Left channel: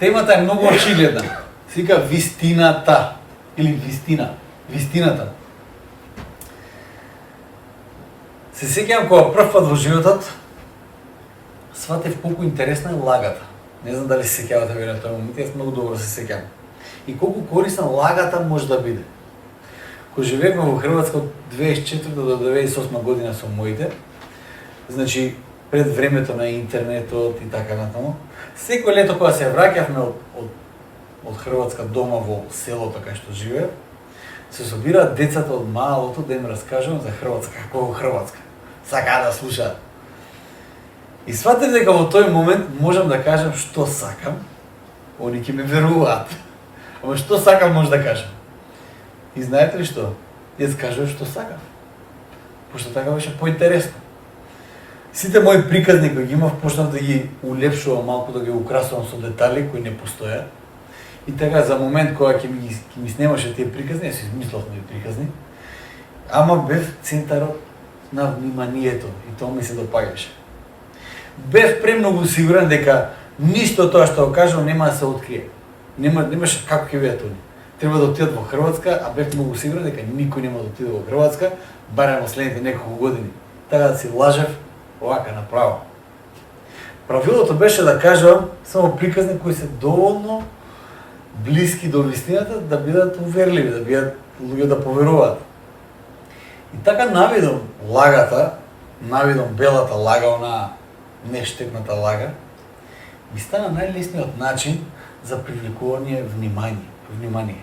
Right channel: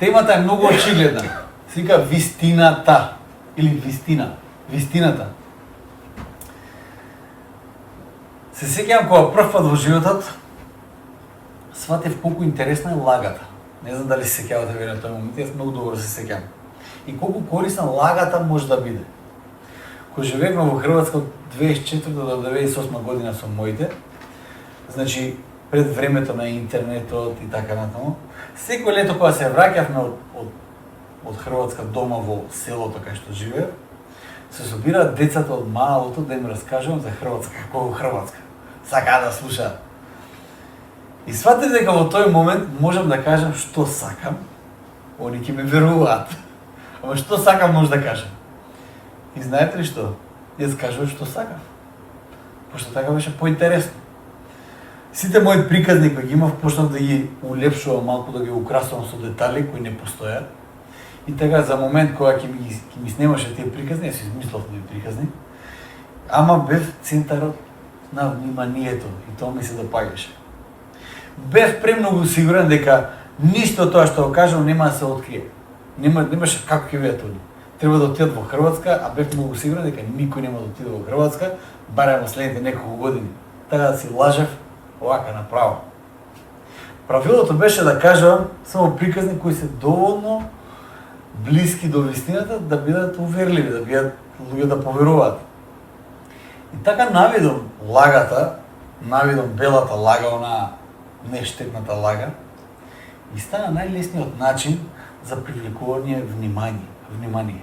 Темата е многу очигледна. Се вика вистината или вистина, вистината. Се сеќавам кога прв пат во животот сватев колку интересна е лагата. Не знам дали се сеќавате вие на тој момент, јас многу добро се сеќавам. И колку корисна лагата може да биде. Кога живеевме во Хрватска од 2004 до 2008 година со моите, значи пред времето на интернетот и така натаму, секој лето кога се враќавме од Хрватска дома во селото кај што живеев, се собираат децата од малото да им раскажувам за Хрватска, како во Хрватска. Сакаат да слушаат. И сватив дека во тој момент можам да кажам што сакам, они ќе ме веруваат. Ама што сакам може да кажам. И знаете ли што? Јас кажувам што сакам. Пошто така беше поинтересно. Сите мои приказни кои ги имав почнав да ги улепшувам малку, да ги украсувам со детали кои не постојат. И така за момент кога ќе ми снимаше тие приказни, јас измислав тие приказни, ама бев центарот на вниманието и тоа ми се допаѓаше. Бев премногу сигурен дека ништо тоа што го кажам нема да се открие. Немаше како ќе видат они. Треба да отидат во Хрватска, а бев многу сигурен дека никој нема да отиде во Хрватска, барем во следните неколку години. Така да си лажев овака направо. Правилото беше да кажам само приказни кои се доволно блиски до вистината да бидат уверливи, да бидат луѓе да поверуваат. И така навидом лагата, навидом белата лага, она нештетната лага, и стана најлесниот начин за привлекување внимание.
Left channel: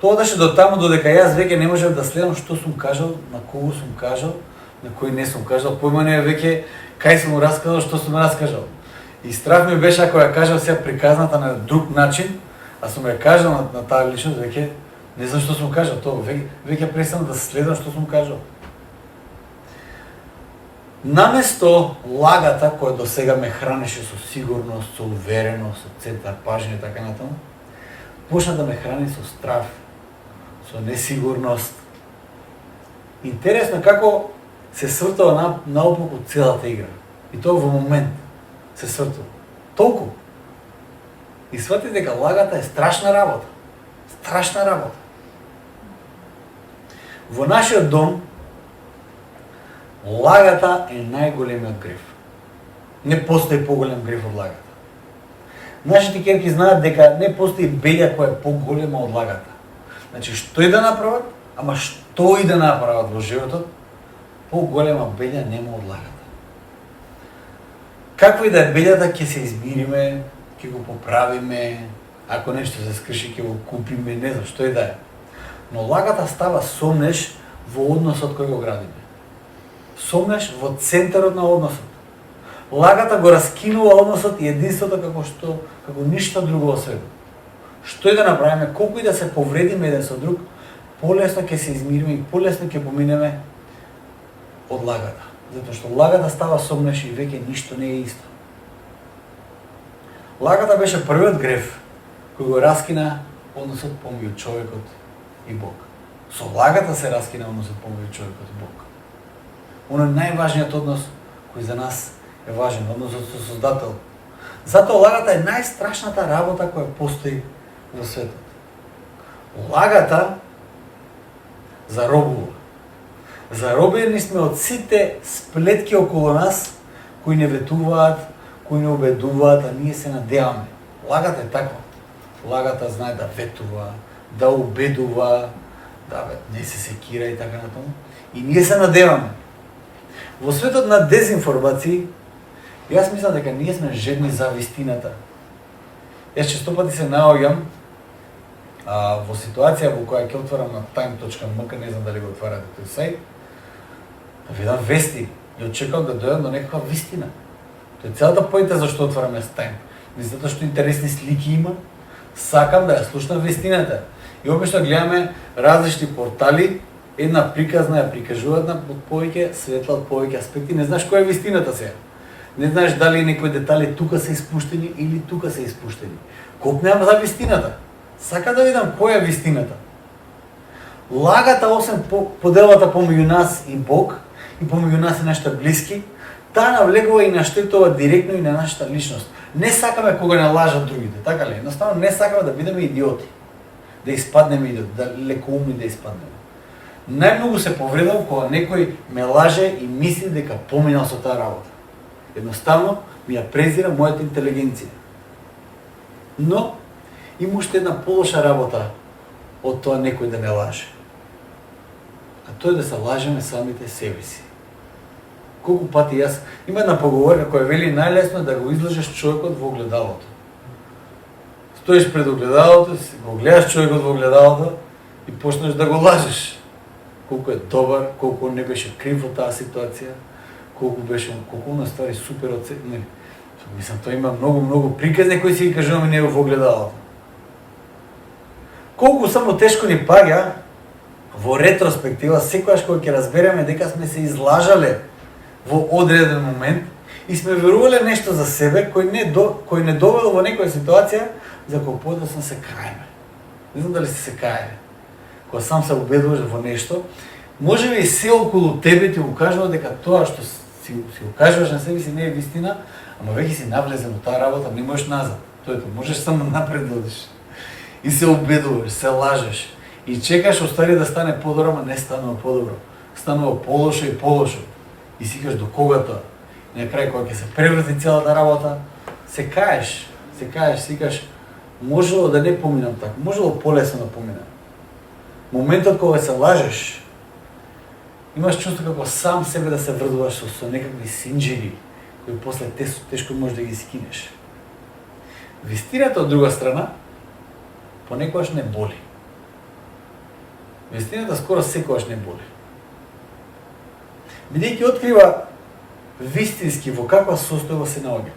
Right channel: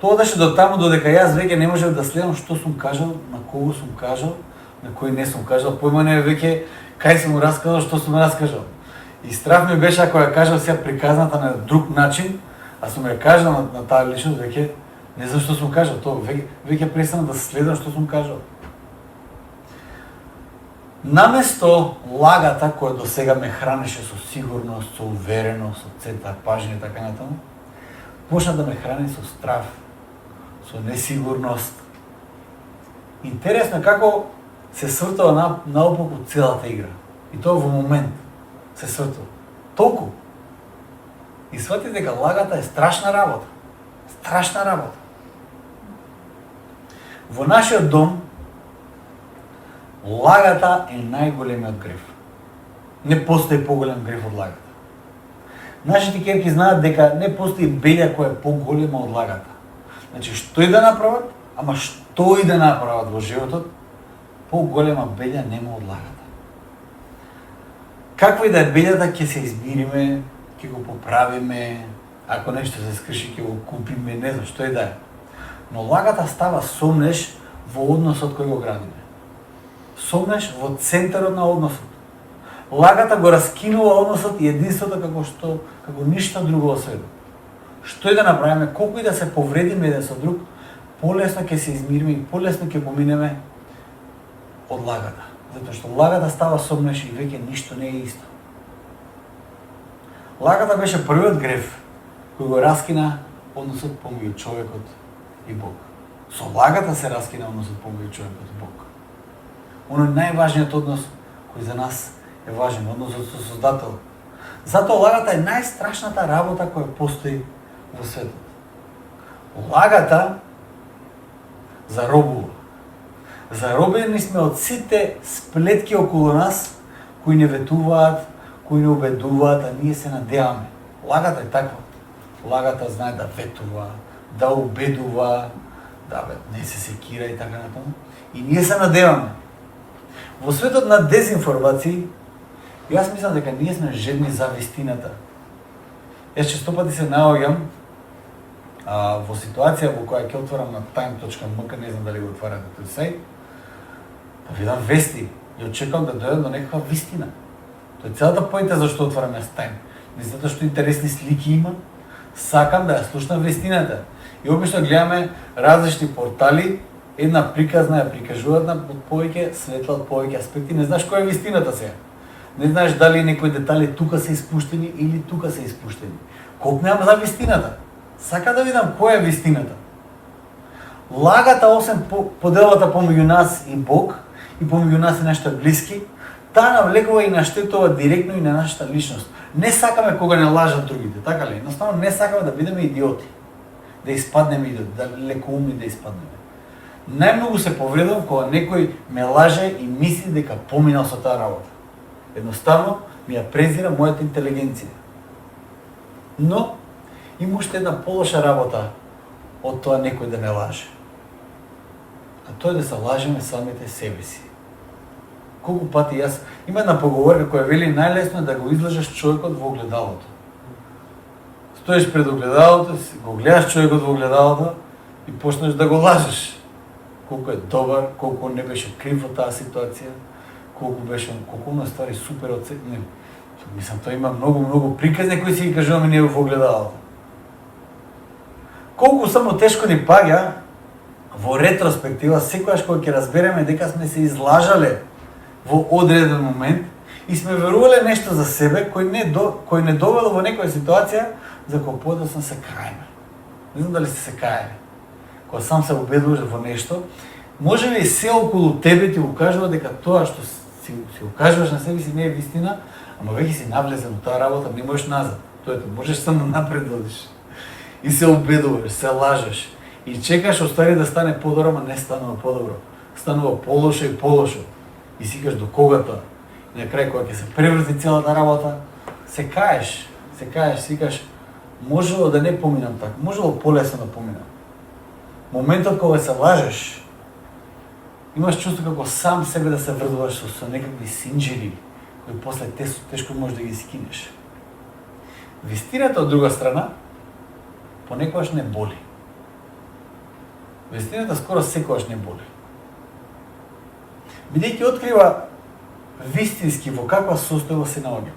Тоа доше до таму додека јас веќе не можев да следам што сум кажал, на кого сум кажал, на кој не сум кажал, појма не веќе кај сум раскажал, што сум раскажал. И страх ми беше ако ја кажав сега приказната на друг начин, а сум ја кажал на таа личност, веќе не знам што сум кажал, тоа веќе престанав да следам што сум кажал. Наместо лагата која до сега ме хранеше со сигурност, со увереност, со центар пажње и така натаму, почна да ме храни со страв, со несигурност. Интересно е како се свртува наопаку целата игра. И тоа во момент се свртува. Толку. И свати дека лагата е страшна работа. Страшна работа. Во нашиот дом лагата е најголемиот греф. Не постои поголем греф од лагата. Нашите ќерки знаат дека не постои белја која е поголема од лагата. Значи, што и да направат, ама што и да направат во животот, поголема белја нема од лагата. Каква и да е белјата, ќе се измириме, ќе го поправиме, ако нешто се скрши, ќе го купиме, не знам, што и да е. Но лагата става сомнеш во односот кој го градиме. Сомнеш во центарот на односот. Лагата го раскинува односот и единството како ништо друго во светот. Што и да направиме, колку и да се повредиме еден со друг, полесно ќе се измириме и полесно ќе поминеме од лагата. Затоа што лагата става сомнеш и веќе ништо не е исто. Лагата беше првиот греф кој го раскина односот помеѓу човекот и Бог. Со лагата се раскина односот помеѓу човекот и Бог. Оно е најважниот однос кој за нас е важен, односот со Создател. Затоа лагата е најстрашната работа која постои во светот. Лагата заробува. Заробени сме од сите сплетки околу нас кои не ветуваат, кои не убедуваат, а ние се надеваме. Лагата е таква. Лагата знае да ветува, да убедува, да не се секира и така натаму. И ние се надеваме. Во светот на дезинформации, јас мислам дека ние сме жедни за вистината. Јас често пати се наоѓам во ситуација во која ќе отворам на time.mk, не знам дали го отварате тој сајт, да видам вести и очекувам да дојдам до некаква вистина. Тоа е целата поинта зашто отварам јас Time. И затоа што интересни слики има, сакам да ја слушнам вистината. И обично гледаме различни портали, една приказна ја прикажуваат на повеќе светла, од повеќе аспекти, не знаеш која е вистината сега. Не знаеш дали некои детали тука се испуштени или тука се испуштени. Копнеам за вистината. Сака да видам која е вистината. Лагата, освен поделбата помеѓу нас и Бог, и помеѓу нас и нашите блиски, таа навлекува и наштетува директно и на нашата личност. Не сакаме кога не лажат другите, така ли? Едноставно не сакаме да бидеме идиоти. Да испаднеме идиоти, да лекоумни да испаднеме. Најмногу се повредам кога некој ме лаже и мисли дека поминал со таа работа. Едноставно ми ја презира мојата интелигенција. Но има уште една полоша работа од тоа некој да ме лаже. А тоа е да се лажеме самите себе си. Колку пати јас... Има една поговорка која вели најлесно е да го излажеш човекот во огледалото. Стоиш пред огледалото, го гледаш човекот во огледалото и почнеш да го лажеш. Колку е добар, колку не беше крив во таа ситуација, колку на ствари супер од се... Не. Мислам, тоа има многу приказни кои си ги кажуваме ние во огледалото. Колку само тешко ни паѓа во ретроспектива, секогаш кога ќе разбереме дека сме се излажале во одреден момент и сме верувале нешто за себе кој не довело во некоја ситуација за која подоцна се каеме. Не знам дали се каеме. Кога сам се убедуваш во нешто, може би и се околу тебе ти го кажува дека тоа што си го кажуваш на себе си не е вистина, ама веќе си навлезен во таа работа, не можеш назад. Тоа е, можеш само напред да одиш. И се убедуваш, се лажеш и чекаш остави да стане подобро, ама не станува подобро. Станува полошо и полошо. И си кажеш до кога тоа? И на крај кога ќе се преврти целата работа, се каеш, си кажеш можело да не поминам така, можело полесно да поминам. Моментот кога се лажеш, имаш чувство како сам себе да се врдуваш со некакви синџири, кои после тешко можеш да ги скинеш. Вистината од друга страна, понекогаш не боли. Вистината скоро секогаш не боли. Бидејќи открива вистински во каква состојба се наоѓа.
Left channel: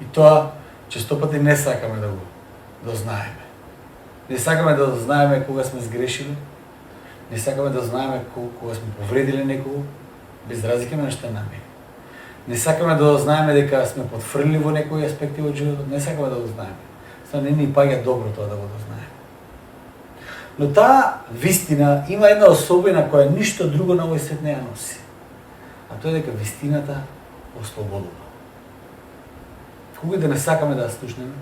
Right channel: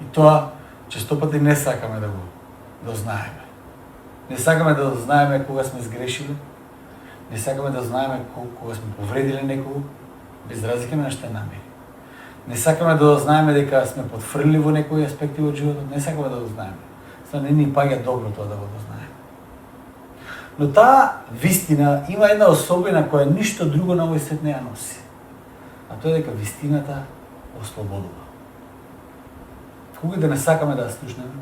И тоа често пати не сакаме да го дознаеме. Не сакаме да дознаеме кога сме сгрешили, не сакаме да знаеме кога сме повредиле некого, без разлика на што е нами. Не сакаме да дознаеме дека сме потфрлили во некои аспекти од животот, не сакаме да дознаеме. Тоа не ни паѓа добро тоа да го дознаеме. Но таа вистина има една особина која ништо друго на овој свет не ја носи. А тоа е дека вистината ослободува. Кога да не сакаме да ја слушнеме,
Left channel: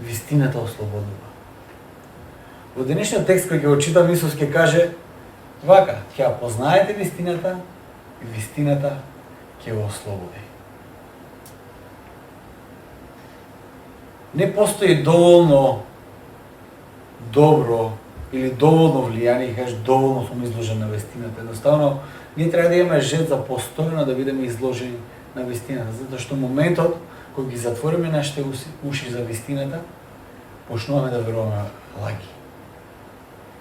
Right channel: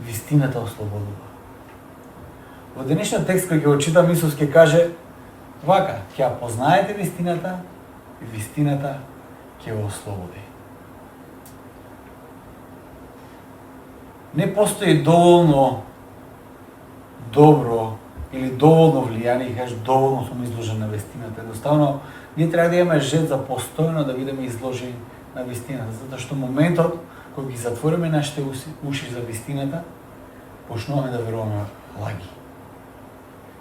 вистината ослободува. Во денешниот текст кој ќе го читам, Исус ќе каже вака, ќе ја познаете вистината и вистината ќе го ослободи. Не постои доволно добро или доволно влијание, кажеш доволно сум изложен на вистината. Едноставно, ние треба да имаме жел за постојано да бидеме изложени на вистината, затоа што моментот кој ги затвориме нашите уши за вистината, почнуваме да веруваме лаги.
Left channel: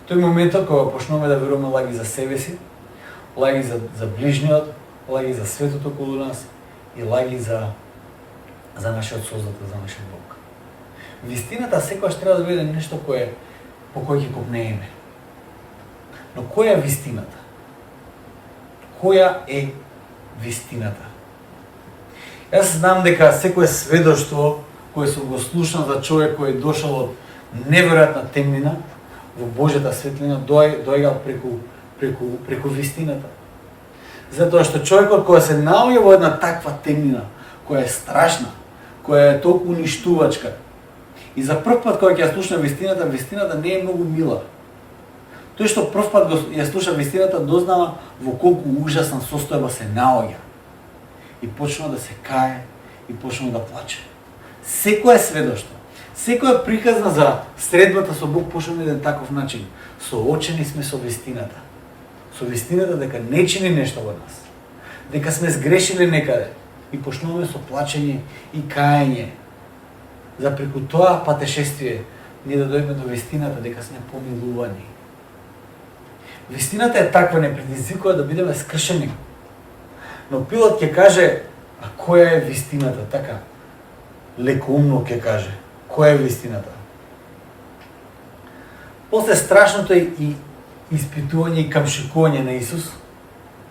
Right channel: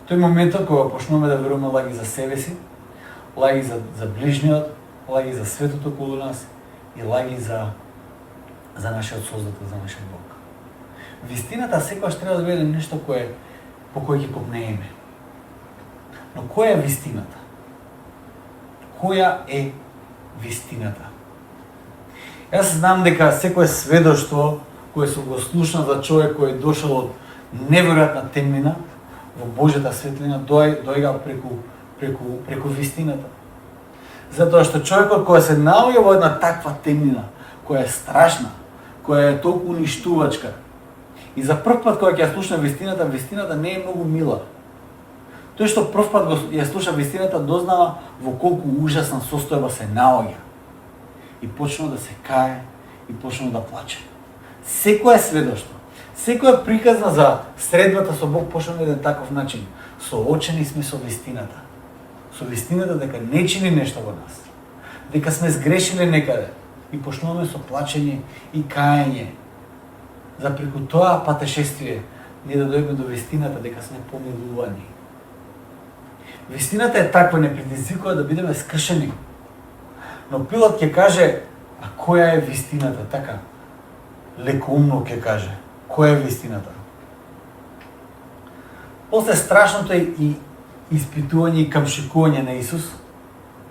Тој моментот кога почнуваме да веруваме лаги за себе си, лаги за ближниот, лаги за светот околу нас и лаги за нашиот Создател, за нашиот Бог. Вистината секогаш треба да биде нешто по кој ќе копнееме. Но која е вистината? Која е вистината? Јас знам дека секое сведоштво кое сум го слушнал за човек кој е дошол од неверојатна темнина во Божјата светлина доаѓа преку вистината. Затоа што човекот кој се наоѓа во една таква темнина, која е страшна, која е толку уништувачка, и за прв пат кога ќе ја слуша вистината не е многу мила. Тој што прв пат ја слуша вистината дознава во колку ужасна состојба се наоѓа. И почнува да се кае, и почнува да плаче. Секое сведоштво, секоја приказна за средбата со Бог почнува на еден таков начин. Соочени сме со вистината. Со вистината дека не чини нешто во нас. Дека сме сгрешиле некаде. И почнуваме со плачење и каење. За преку тоа патешествие ние да дојдеме до вистината дека сме помилувани. Вистината е таква, не предизвикува да бидеме скршени. Но Пилат ќе каже, а која е вистината? Така, лекоумно ќе каже, која е вистината? После страшното и испитување и камшикување на Исус,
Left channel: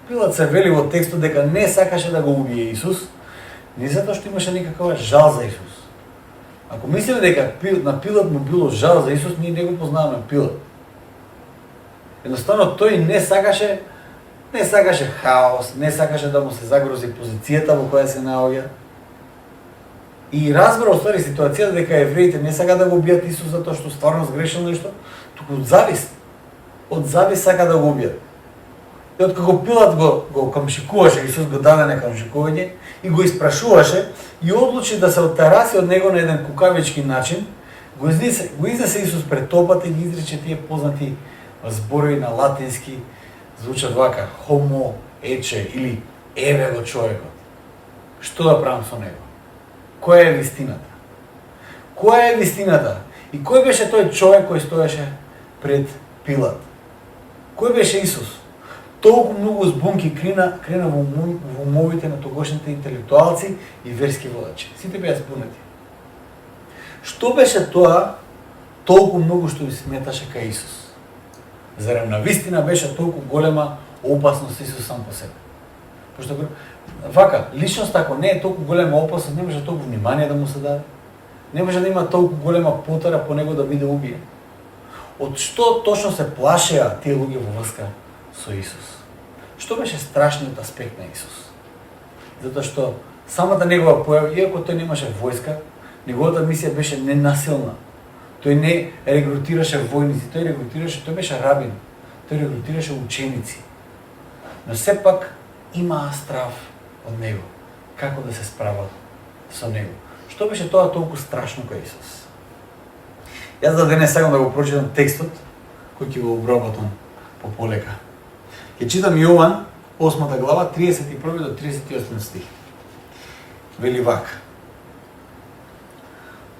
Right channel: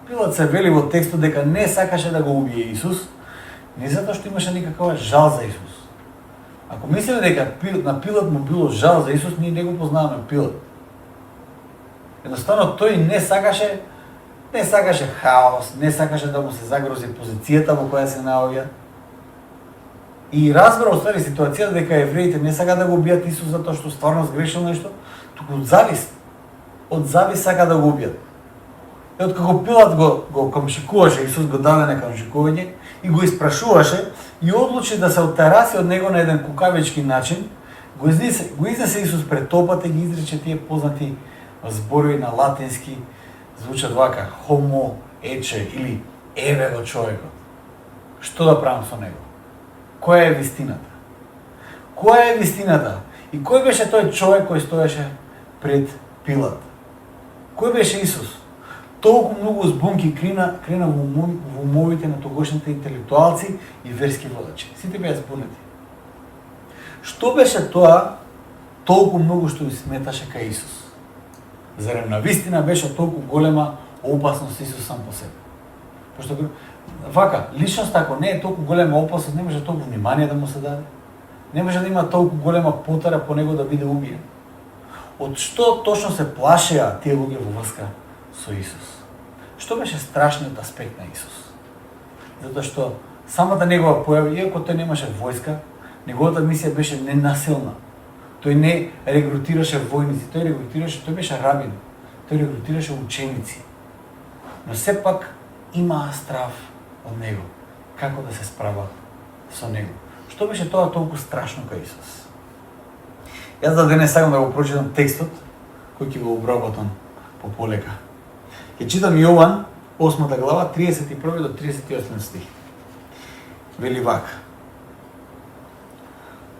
Пилат се вели во текстот дека не сакаше да го убие Исус, не затоа што имаше некаква жал за Исус. Ако мислиме дека на Пилат му било жал за Исус, ние не го познаваме Пилат. Едноставно тој не сакаше хаос, не сакаше да му се загрози позицијата во која се наоѓа. и разбра оствари ситуацијата дека евреите не сака да го убијат Исус затоа што стварно сгрешил нешто, туку од завис сака да го убијат. И откако Пилат го камшикуваше, Исус го даде на камшикување и го испрашуваше и одлучи да се оттараси од него на еден кукавички начин, го изнесе Исус пред толпата и ги изрече тие познати зборови на латински, звучат вака: homo ече, или еве го човекот. Што да правам со него? Која е вистината? Која е вистината? И кој беше тој човек кој стоеше пред Пилат? Кој беше Исус? Толку многу збунки крена во умовите на тогошните интелектуалци и верски водачи. Сите беа збунети. Што беше тоа толку многу што ја сметаше кај Исус? Зарем на вистина беше толку голема опасност Исус сам по себе? Пошто вака, личност ако не е толку голема опасност, не може толку внимание да му се даде. Не може да има толку голема потара по него да биде убиен. Од што точно се плашеа тие луѓе во врска со Исус? Што беше страшниот аспект на Исус? Затоа што самата негова појава, иако тој немаше војска, неговата мисија беше ненасилна. Тој не регрутираше војници, тој беше рабин, тој регрутираше ученици. Но сепак имаа страв од него, како да се справа со него. Што беше тоа толку страшно кај Исус? Јас за денес сакам да го прочитам текстот, кој ќе го обработам полека. Ќе читам Јован, 8 глава, 31 до 38 стих. Вели вака:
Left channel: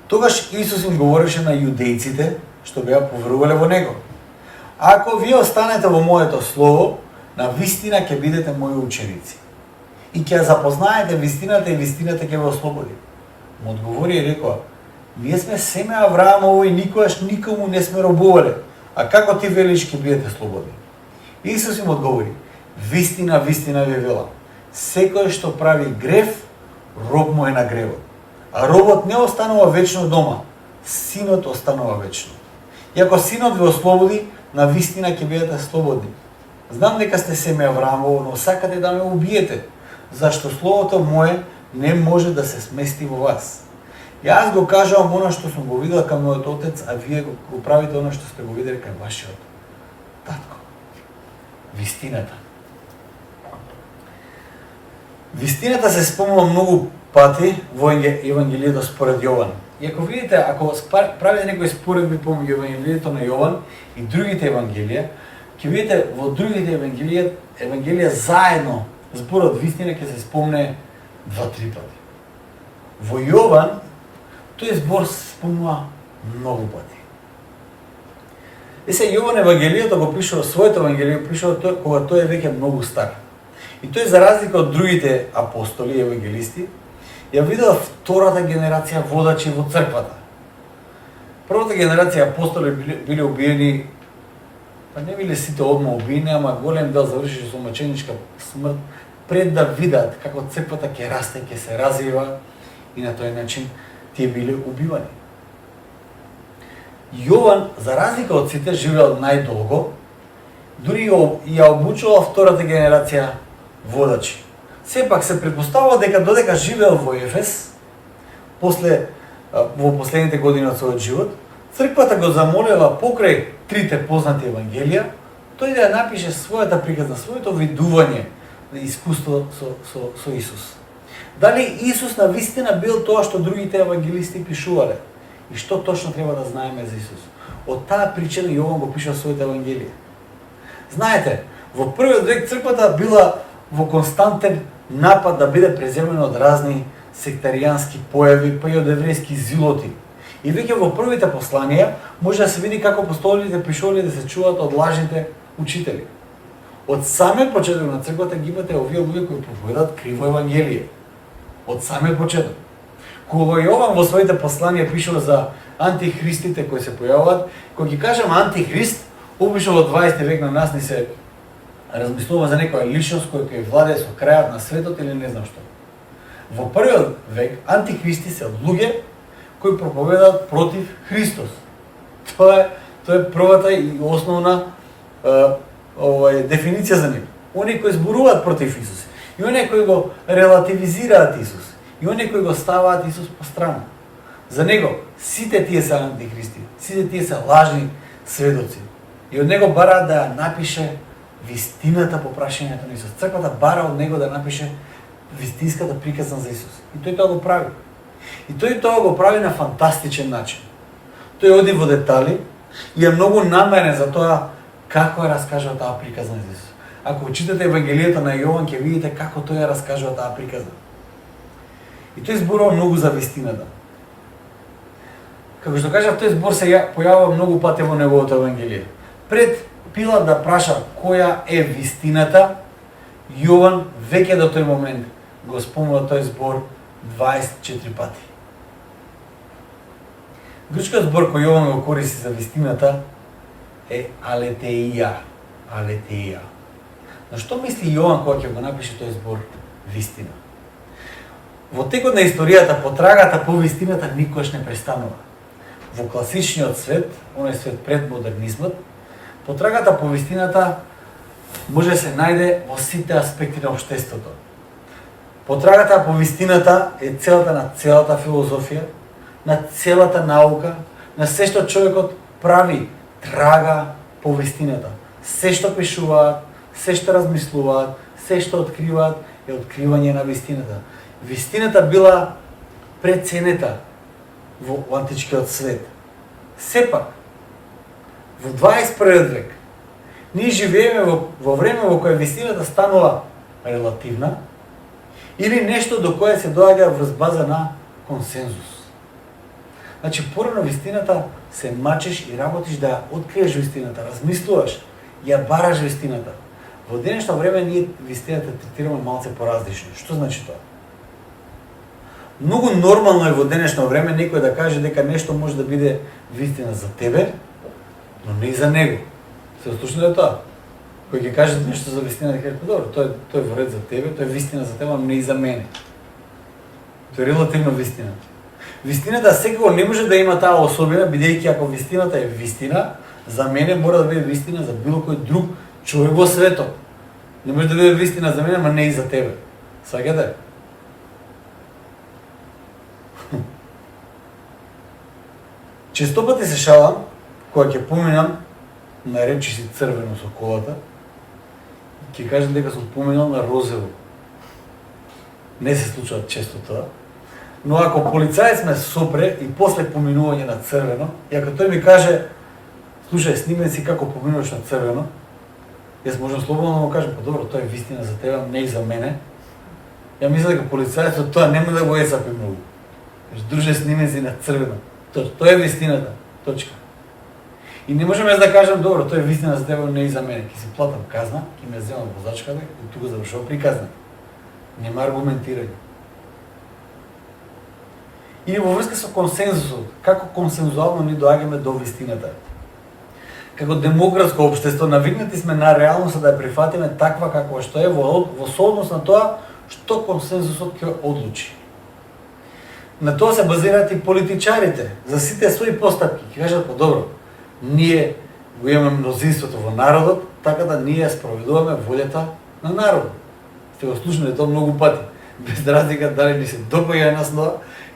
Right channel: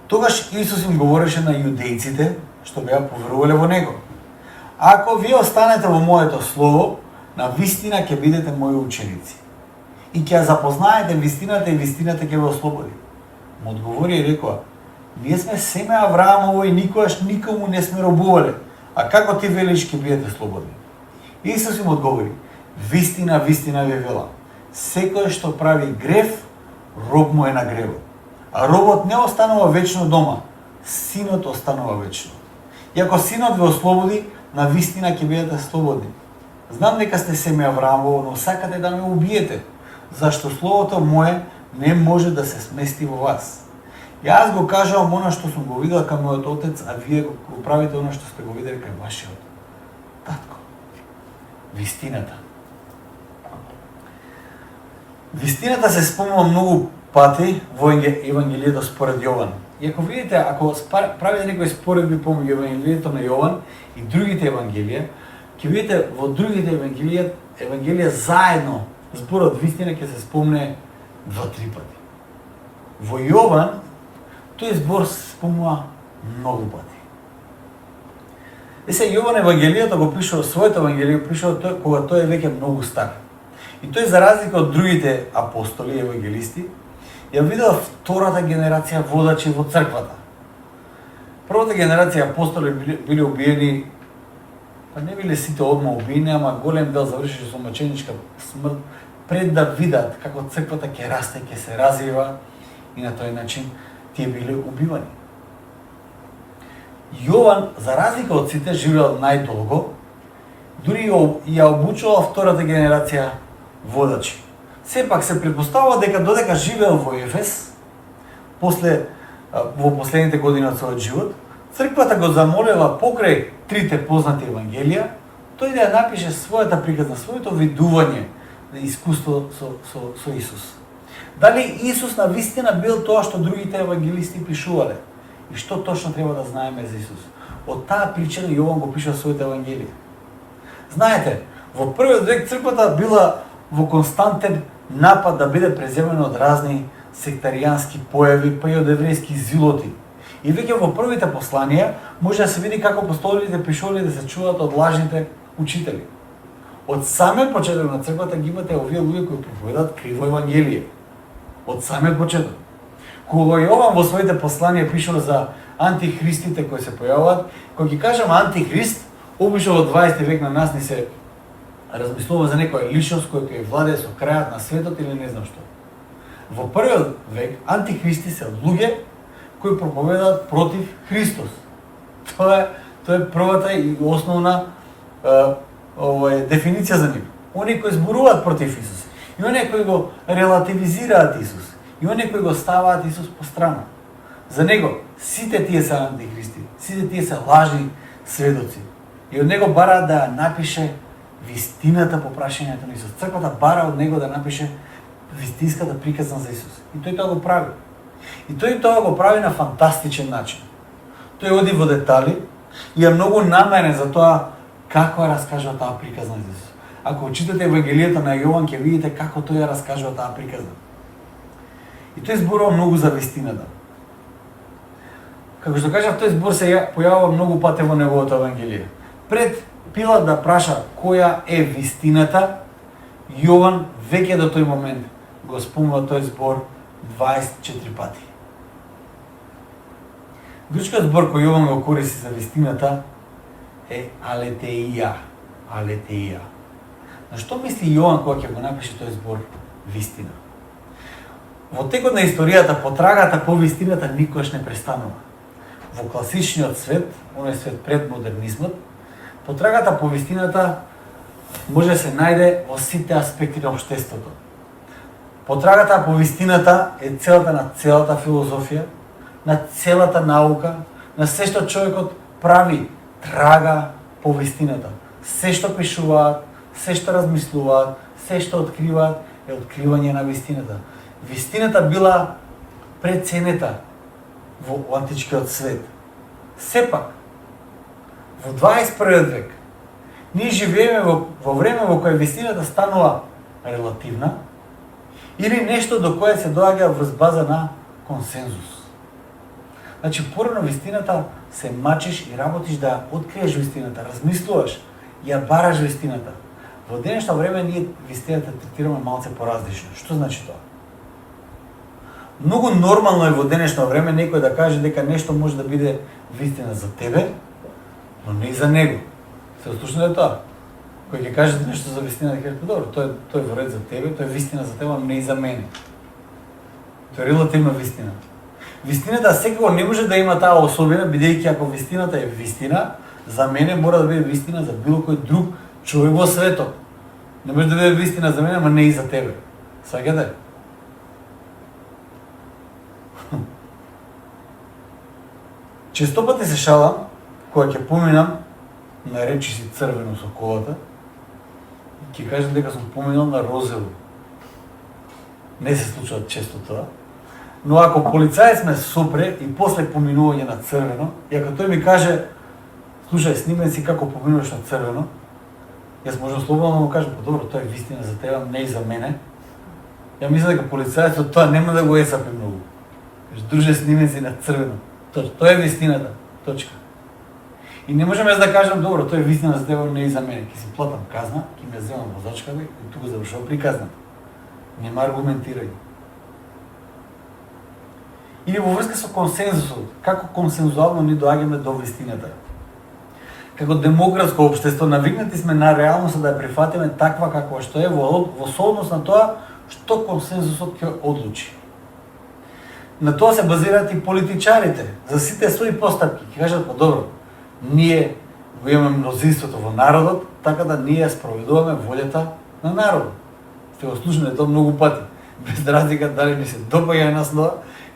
Тогаш Исус им говореше на јудејците што беа поверувале во него: Ако вие останете во моето слово, на вистина ќе бидете мои ученици и ќе запознаете вистината и вистината ќе ве ослободи. Му одговори и рекоа: Вие сме семе Авраамово и никогаш никому не сме робувале, а како ти велиш ќе бидете слободни? Исус им одговори: Вистина, вистина ви велам, секој што прави грев, роб му е на гревот. А робот не останува вечно дома, синот останува вечно. И ако синот ве ослободи, на вистина ќе бидете слободни. Знам дека сте семе Авраамово, но сакате да ме убиете, зашто словото мое не може да се смести во вас. Јас го кажувам оно што сум го видел кај мојот отец, а вие го правите оно што сте го видели кај вашиот татко. Вистината. Вистината се спомнува многу пати во Евангелието според Јован. И ако видите, ако правите некои споредби помеѓу Евангелието на Јован и другите Евангелија, ќе видите во другите Евангелија заедно зборот вистина ќе се спомне 2-3 пати. Во Јован тој збор се спомнува многу пати. Сега Јован Евангелието го пишува, своето Евангелие пишува кога тој е веќе многу стар. И тој, за разлика од другите апостоли и евангелисти, ја видел втората генерација водачи во црквата. Првата генерација апостоли били убиени, па не били сите одма убиени, ама голем дел заврши со мъченичка смрт, пред да видат како црквата ќе расте, ќе се развива и на тој начин тие били убивани. Јован, за разлика од сите, живеел најдолго, дури ја обучувал втората генерација водачи. Сепак се предпоставува дека додека живеел во Ефес, во последните години од својот живот, црквата го замолела покрај трите познати евангелија, тој да напише својата приказна, своето видување на искуство со Исус. Дали Исус на вистина бил тоа што другите евангелисти пишувале? И што точно треба да знаеме за Исус? Од таа причина Јован го пишува своите евангелија. Знаете, во првиот век црквата била во константен напад да биде преземена од разни сектаријански појави, па и од еврејски зилоти. И веќе во првите посланија може да се види како апостолите пишувале да се чуваат од лажните учители. Од самиот почеток на црквата ги имате овие луѓе кои проповедаат криво евангелие. Од самиот почеток. Кога Јован во своите посланија пишува за антихристите кои се појавуваат, кога ги кажам антихрист, обично во 20 век на нас ни се размислува за некоја личност која ќе владее со крајот на светот или не знам што. Во првиот век антихристи се луѓе кои проповедаат против Христос. Тоа е првата и основна дефиниција за нив. Оние кои зборуваат против Исус и оние кои го релативизираат Исус И оние кои го ставаат Исус по страна. За него сите тие се антихристи, сите тие се лажни сведоци. И од него бараат да ја напише вистината по прашањето на Исус. Црквата бара од него да напише вистинската приказна за Исус. И тој тоа го прави. И тој тоа го прави на фантастичен начин. Тој оди во детали и е многу намерен за тоа како ја раскажува таа приказна за Исус. Ако читате Евангелието на Јован, ќе видите како тој ја раскажува таа приказна. И тој зборува многу за вистината. Како што кажав, тој збор се појавува многу пати во неговото Евангелие. Пред Пилат да праша која е вистината, Јован веќе до тој момент го спомнува тој збор 24 пати. Грчкиот збор кој Јован го користи за вистината е алетеија. Алетеија. Но што мисли Јован кога ќе го напише тој збор вистина? Во текот на историјата потрагата по вистината никогаш не престанува. Во класичниот свет, оној свет пред модернизмот, потрагата по вистината може да се најде во сите аспекти на општеството. Потрагата по вистината е целата на целата филозофија, на целата наука, на се што човекот прави, трага по вистината. Се што пишуваат, се што размислуваат, се што откриваат е откривање на вистината. Вистината била преценета во античкиот свет. Сепак, во 21 век, ние живееме во време во кое вистината станува релативна или нешто до кое се доаѓа врз база на консензус. Значи, порано вистината се мачеш и работиш да ја откриеш вистината, размислуваш, ја бараш вистината. Во денешно време ние вистината третираме малце поразлично. Што значи тоа? Многу нормално е во денешно време некој да каже дека нешто може да биде вистина за тебе, но не и за него. Се ослушнете тоа? Кој ќе каже нешто за вистина, ќе рече добро, тој е во ред за тебе, тој е вистина за тебе, но не и за мене. Тој е релативна вистина. Вистината секако не може да има таа особина, бидејќи ако вистината е вистина, за мене мора да биде вистина за било кој друг човек во светот. Не може да биде вистина за мене, но не и за тебе. Сваќате? Често пати се шалам кога ќе поминам на речиси црвено со колата, ќе кажам дека сум поминал на розово. Не се случува често тоа. Но ако полицаец ме сопре и после поминување на црвено, и ако тој ми каже, слушај, снимај си како поминуваш на црвено, јас можам слободно да му кажам, па добро, тоа е вистина за тебе, не и за мене. Ја мисля дека полицаецот тоа нема да го есапи многу. Друже, снимај си на црвено. Тоа е вистината. Точка. И не можеме да кажам, добро, тоа е вистина за тебе, не и за мене. Ќе си платам казна, ќе ме земам возачката и тука завршува приказна. Нема аргументирање. Или во врска со консензусот, како консензуално ни доаѓаме до вистината. Како демократско општество навикнати сме на реалноста да ја прифатиме таква каква што е во сооднос на тоа што консензусот ќе одлучи. На тоа се базираат и политичарите за сите своји постапки. Ќе кажат, па добро, ние го имаме мнозинството во народот, така да ние спроведуваме волјата на народот. Сте го слушнале тоа многу пати. Без разлика дали ни се допаѓа нас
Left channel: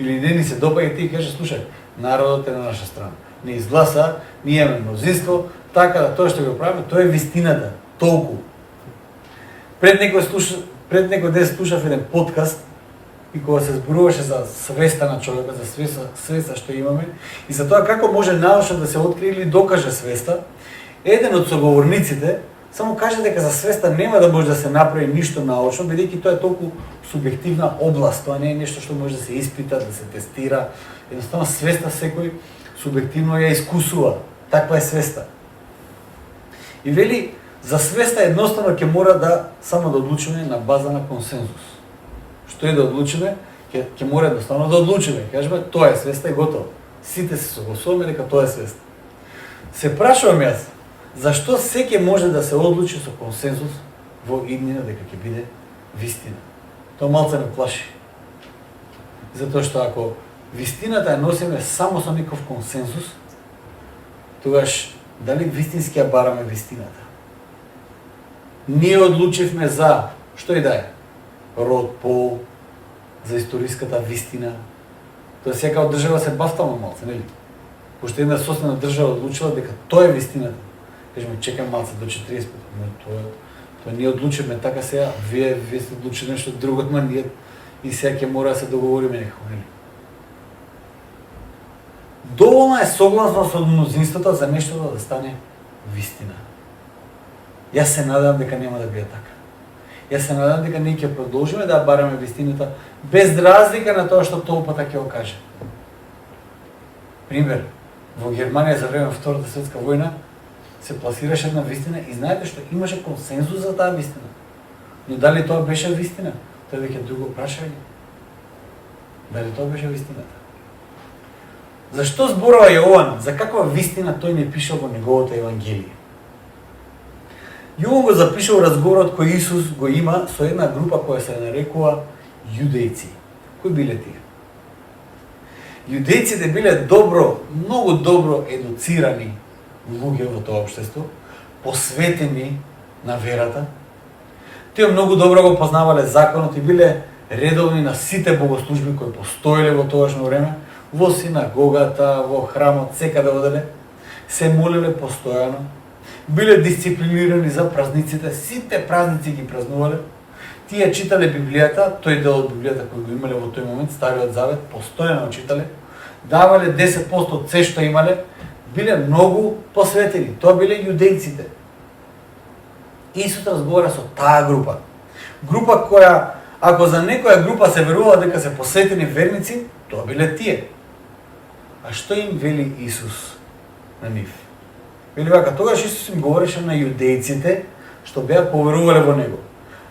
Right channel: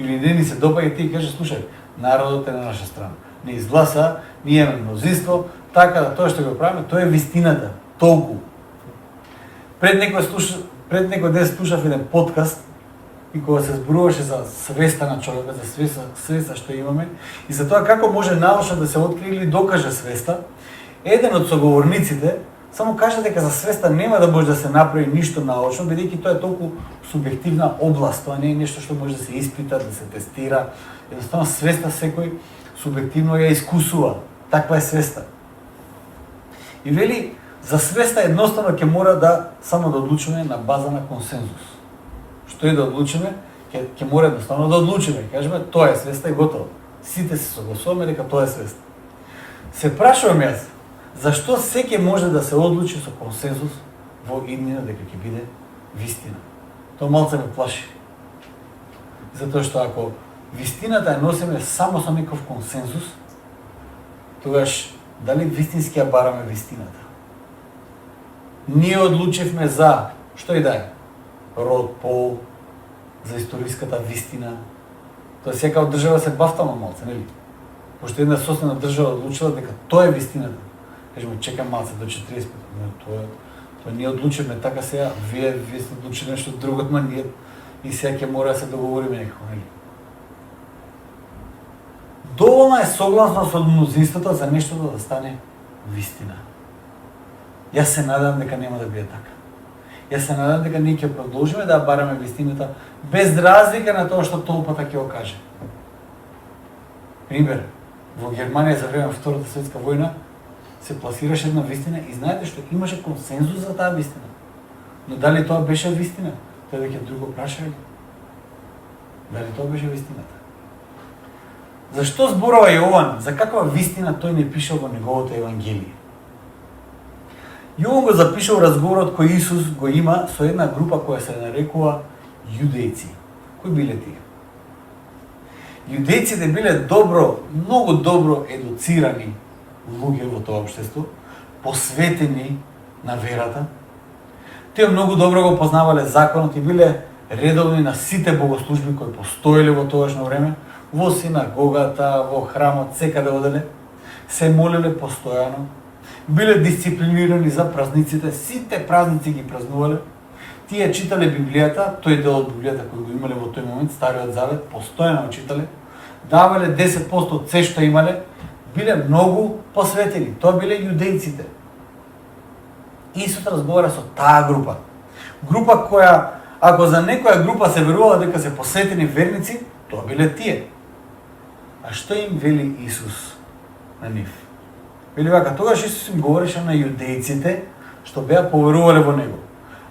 или не ни се допаѓа, ти кажеш, слушај, народот е на наша страна. Не изгласа, ние имаме мнозинство, така да тоа што го правиме, тоа е вистината. Толку. Пред некој ден слушав еден подкаст и кога се зборуваше за свеста на човекот, за свеста што имаме и за тоа како може научно да се открие или докаже свеста, еден од соговорниците само каже дека за свеста нема да може да се направи ништо научно, бидејќи тоа е толку субјективна област, тоа не е нешто што може да се испита, да се тестира. Едноставно свеста секој субјективно ја искусува. Таква е свеста. И вели, за свеста едноставно ќе мора да само да одлучиме на база на консензус. Што е да одлучиме, ќе мора едноставно да одлучиме. Кажеме, тоа е свеста и готово. Сите се согласуваме дека тоа е свеста. Се прашувам јас, зашто секој може да се одлучи со консензус во иднина дека ќе биде вистина? Тоа малце ме плаши. Затоа што ако вистината ја носиме само со некој консензус, тогаш дали вистински ја бараме вистината? Ние одлучивме за што и да е, род, пол, за историската вистина. Тоа секако држава се бафтаме малце, нели? Пошто една соседна држава одлучила дека тоа е вистината. Кажеме, чекам малце до 40 пати, но тоа ние одлучиме така сега, вие сте одлучили нешто друго, ама ние и сега ќе мора да се договориме некако, нели? Доволна е согласност од мнозинството за нештото да стане вистина. Јас се надам дека нема да биде така. Јас се надам дека ние ќе продолжиме да бараме вистината без разлика на тоа што толпата ќе го каже. Пример, во Германија за време Втората светска војна се пласираше една вистина и знаете што имаше консензус за таа вистина. Но дали тоа беше вистина? Тоа веќе друго прашање. Дали тоа беше вистината? Зашто зборува Јован? За каква вистина тој не пишал во неговото Евангелие? Јован го запишал разговорот кој Исус го има со една група која се нарекува јудејци. Кои биле тие? Јудејците биле многу добро едуцирани луѓе во тоа општество, посветени на верата. Тие многу добро го познавале законот и биле редовни на сите богослужби кои постоеле во тоашно време, во синагогата, во храмот, секаде оделе, се молеле постојано, биле дисциплинирани за празниците, сите празници ги празнувале, тие читале Библијата, тој дел од Библијата кој го имале во тој момент, Стариот Завет, постојано читале, давале 10% од се што имале, биле многу посветени, тоа биле јудејците. Исус разговара со таа група. Група која, ако за некоја група се верува дека се посветени верници, тоа биле тие. А што им вели Исус на нив? Вели вака, тогаш Исус им говореше на јудејците што беа поверувале во Него.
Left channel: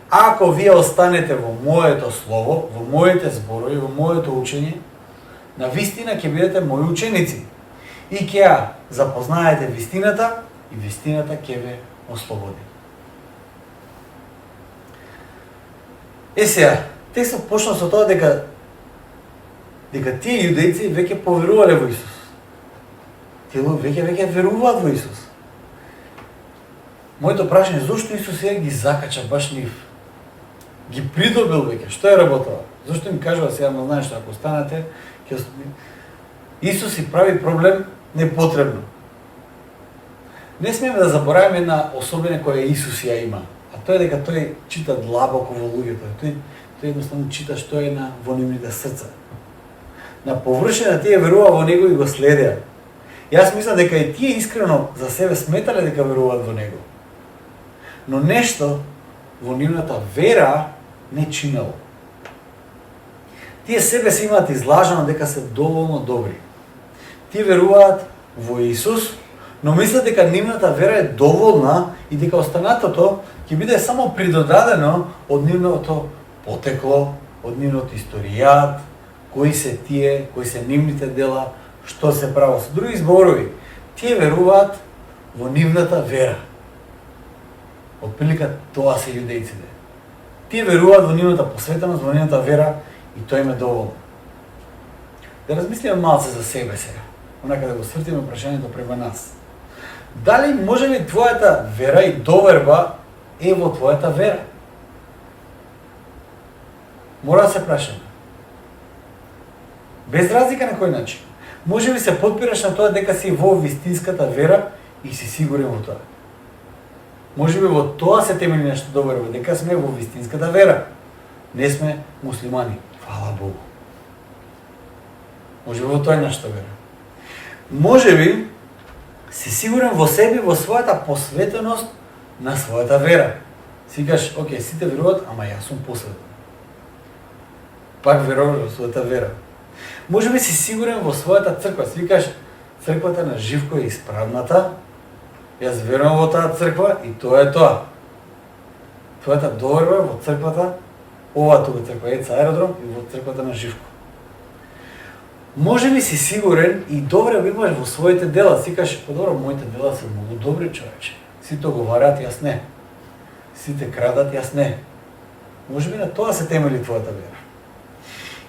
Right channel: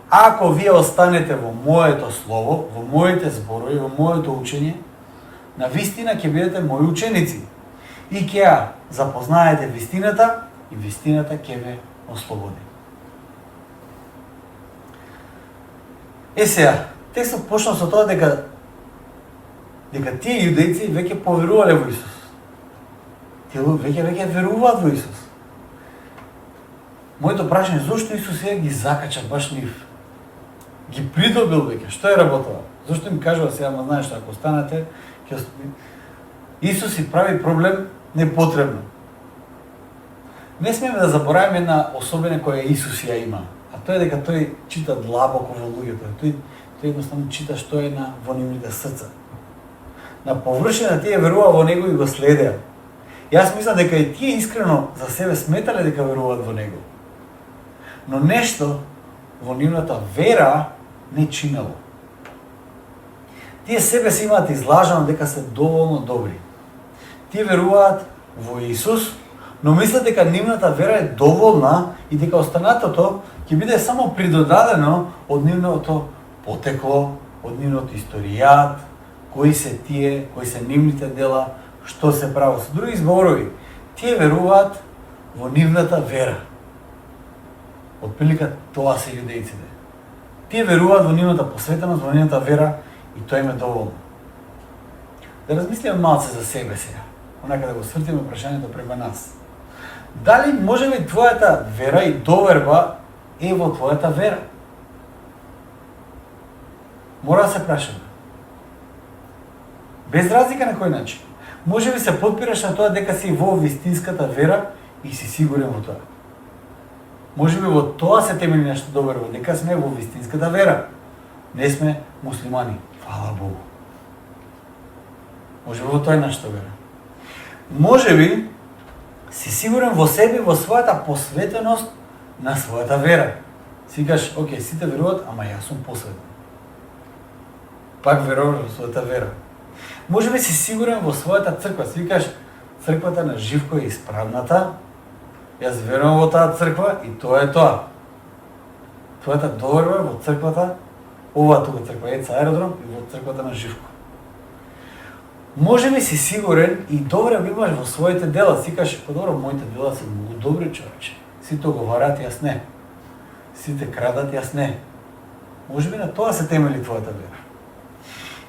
Ако вие останете во моето слово, во моите зборови, во моето учење, на вистина ќе бидете мои ученици и ќе ја запознаете вистината и вистината ќе ве ослободи. Сега, текстот почна со тоа дека тие јудејци веќе поверувале во Исус. Тие веќе веруваат во Исус. Моето прашање, зошто Исус сега ги закача баш нив? Ги придобил веќе, што е работава? Зошто им кажува сега, ама знаеш што, ако останете, Исус си прави проблем непотребно. Не смееме да забораваме на особене која Исус ја има, а тоа е дека тој чита длабоко во луѓето. Тој едноставно чита што е во нивните срца. На површина тие верува во Него и го следеа. Јас мислам дека и тие искрено за себе сметале дека веруваат во Него. Но нешто во нивната вера не чинело. Тие себе си имаат излажано дека се доволно добри. Тие веруваат во Исус, но мислат дека нивната вера е доволна и дека останатото ќе биде само придодадено од нивното потекло, од нивното историјат, кои се тие, кои се нивните дела, што се прави. Со други зборови, тие веруваат во нивната вера. Отприлика тоа се јудејците. Тие веруваат во нивната посветеност, во нивната вера и тоа им е доволно. Да размислиме малце за себе сега, онака да го свртиме прашањето према нас. Дали може ли твојата вера и доверба е во твојата вера? Мора да се прашаме. Без разлика на кој начин. Може ли се потпираш на тоа дека си во вистинската вера и си сигурен во тоа? Може би во тоа се темели нешто доверба, дека сме во вистинската вера. Не сме муслимани. Фала Богу. Може би во тоа е нашата вера. Може би си сигурен во себе, во својата посветеност на својата вера. Си кажеш, окей, сите веруваат, ама јас сум посветен. Пак веруваш во својата вера. Може би си сигурен во својата црква. Си кажеш, црквата на Живко е исправната, јас верувам во таа црква и тоа е тоа. Твојата доверба во црквата, оваа тука црква е Аеродром и во црквата на Живко. Може би си сигурен и добре го имаш во своите дела. Си кажеш, добро, моите дела се многу добри, човече. Сите оговарат, јас не. Сите крадат, јас не. Може би на тоа се темели твојата вера.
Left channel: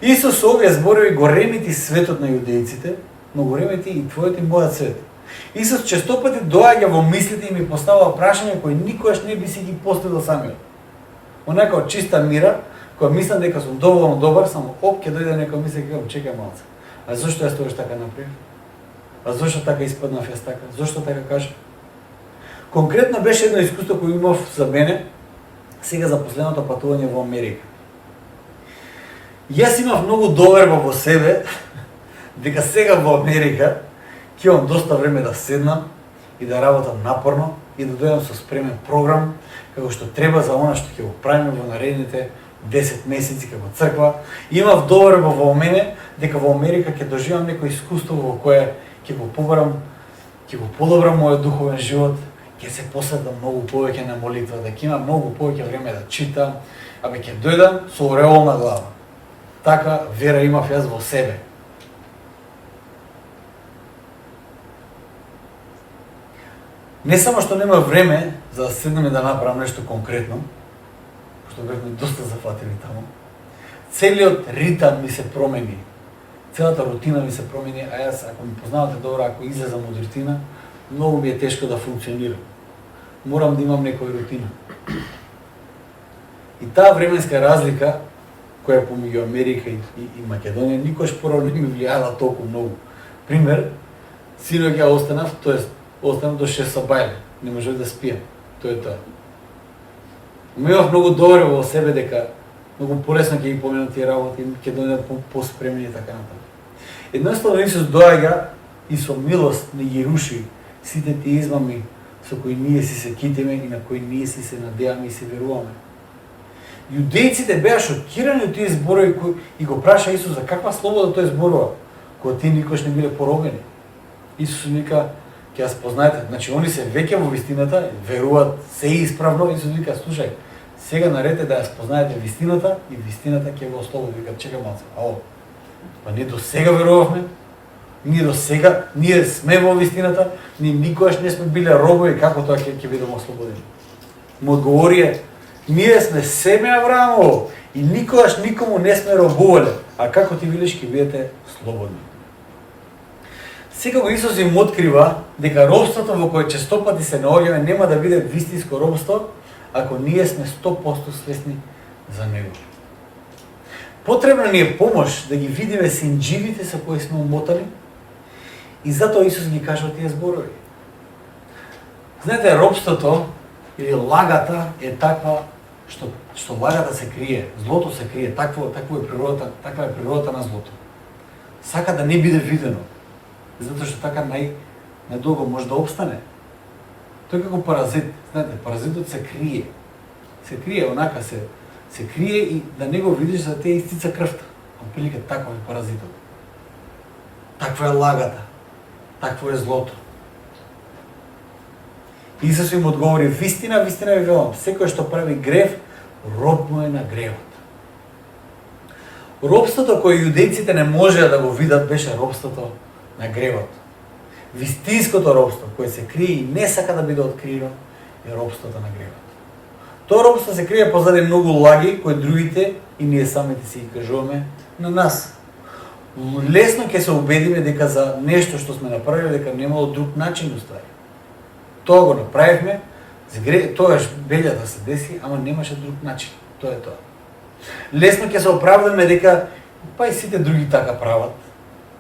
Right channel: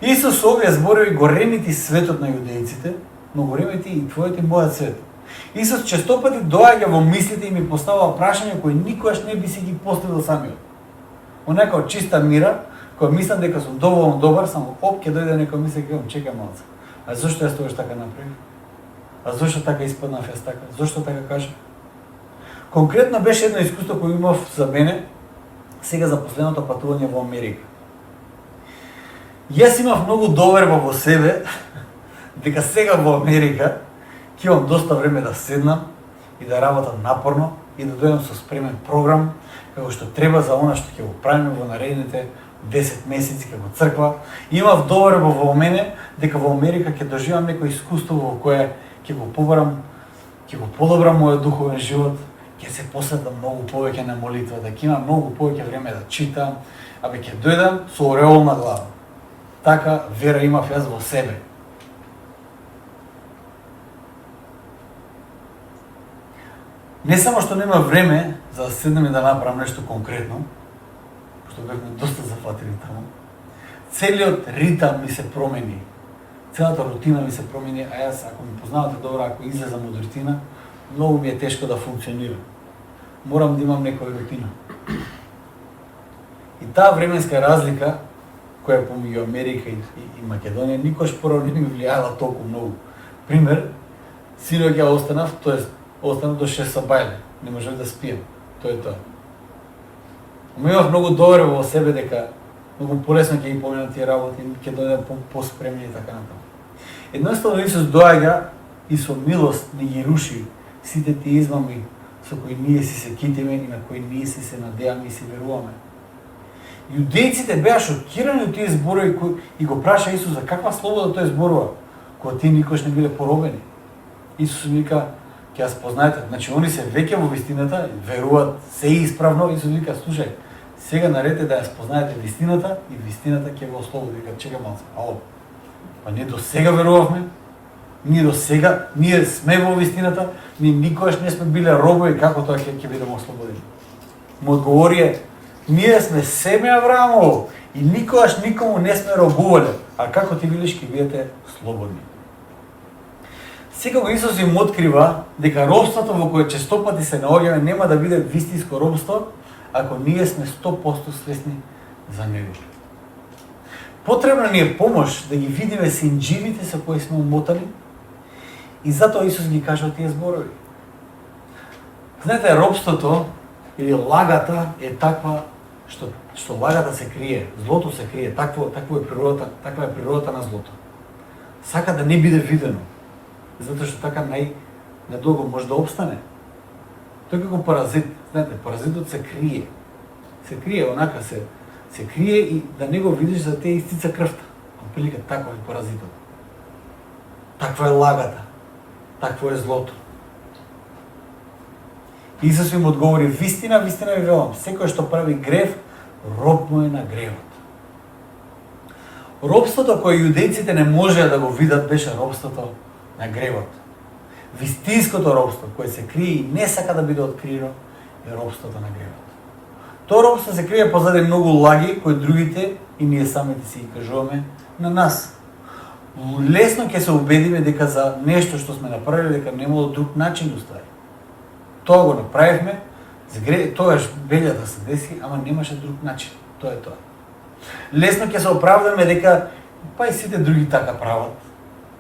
Исус овие зборови го ремети светот на јудејците, но го ремети и твојот и мојот свет. Исус честопати доаѓа во мислите и ми поставува прашања кои никогаш не би си ги поставил самиот. Онака од чиста мира, Кога мислам дека сум доволно добар, само ќе дојде некој мисли дека чекај малце. А зошто јас тоа така направив? А зошто така испаднав јас така? Зошто така кажа? Конкретно беше едно искуство кој имав за мене сега за последното патување во Америка. Јас имав многу доверба во себе дека сега во Америка ќе имам доста време да седнам и да работам напорно и да дојдам со спремен програм како што треба за она што ќе го правиме во наредните 10 месеци како црква. Имав доверба во мене дека во Америка ќе доживам некој искуство во кое ќе го побарам, ќе го подобрам мојот духовен живот, ќе се посветам многу повеќе на молитвата, ќе имам многу повеќе време да читам, абе ќе дојдам со ореол на глава. Така вера имав јас во себе. Не само што нема време за да седнем и да направам нешто конкретно, што бевме доста зафатени таму, целиот ритам ми се промени, целата рутина ми се промени, а јас, ако ми познавате добро, ако излезам од рутина, многу ми е тешко да функционирам. Морам да имам некоја рутина. И таа временска разлика, која е помеѓу Америка и Македонија, никош порано не ми влијала толку многу. Пример, синоќ ја останав, тоест останав до 6 сабајле, не можев да спијам. Тоа е тоа. Имав многу доверба во себе дека многу полесно ќе ги поминам тие работи, ќе дојдам поспремни и така натаму. Едноставно Исус доаѓа и со милост не ги руши сите тие измами со кои ние си се китиме и на кои ние си се надеваме и си веруваме. Јудејците беа шокирани од тие зборови и го праша Исус за каква слобода тој зборува, кога тие никош не биле поробени. Исус вика, ќе ја спознаете, значи они се веќе во вистината, веруваат се исправно, Исус вика, слушај, сега наред е да ја спознаете вистината и вистината ќе го ослободи. Вика, чека малце, па ние до сега верувавме, ние сме во вистината, ние никогаш не сме биле робови, како тоа ќе бидеме ослободени. Му одговорија, ние сме семе Авраамово и никогаш никому не сме робувале, а како ти велиш ќе бидете слободни. Секако Исус им открива дека робството во кое често пати се наоѓаме нема да биде вистинско робство, ако ние сме 100% свесни за него. Потребна ни е помош да ги видиме синџивите со кои сме умотани и затоа Исус ги кажа тие зборови. Знаете, робството или лагата е таква што лагата се крие, злото се крие, таква е природата на злото. Сака да не биде видено, затоа што така најдолго може да опстане. Тој како паразит, знаете, паразитот се крие. Се крие, онака се крие и да не го видиш за те истица крвта. Отприлика таква е паразитот. Таква е лагата. Такво е злото. Исус им одговори, вистина ви велам, секој што прави грев, роб му е на гревот. Робството кое јудејците не можеа да го видат беше робството на гревот. Вистинското робство, кое се крие и не сака да биде откриено, е робството на гревот. Тоа робство се крие позади многу лаги кои другите и ние самите си ги кажуваме на нас. Лесно ќе се убедиме дека за нешто што сме направиле дека немало друг начин уствари. Тоа го направивме, тоа белја да се деси, ама немаше друг начин. Тоа е тоа. Лесно ќе се оправдаме дека па и сите други така прават,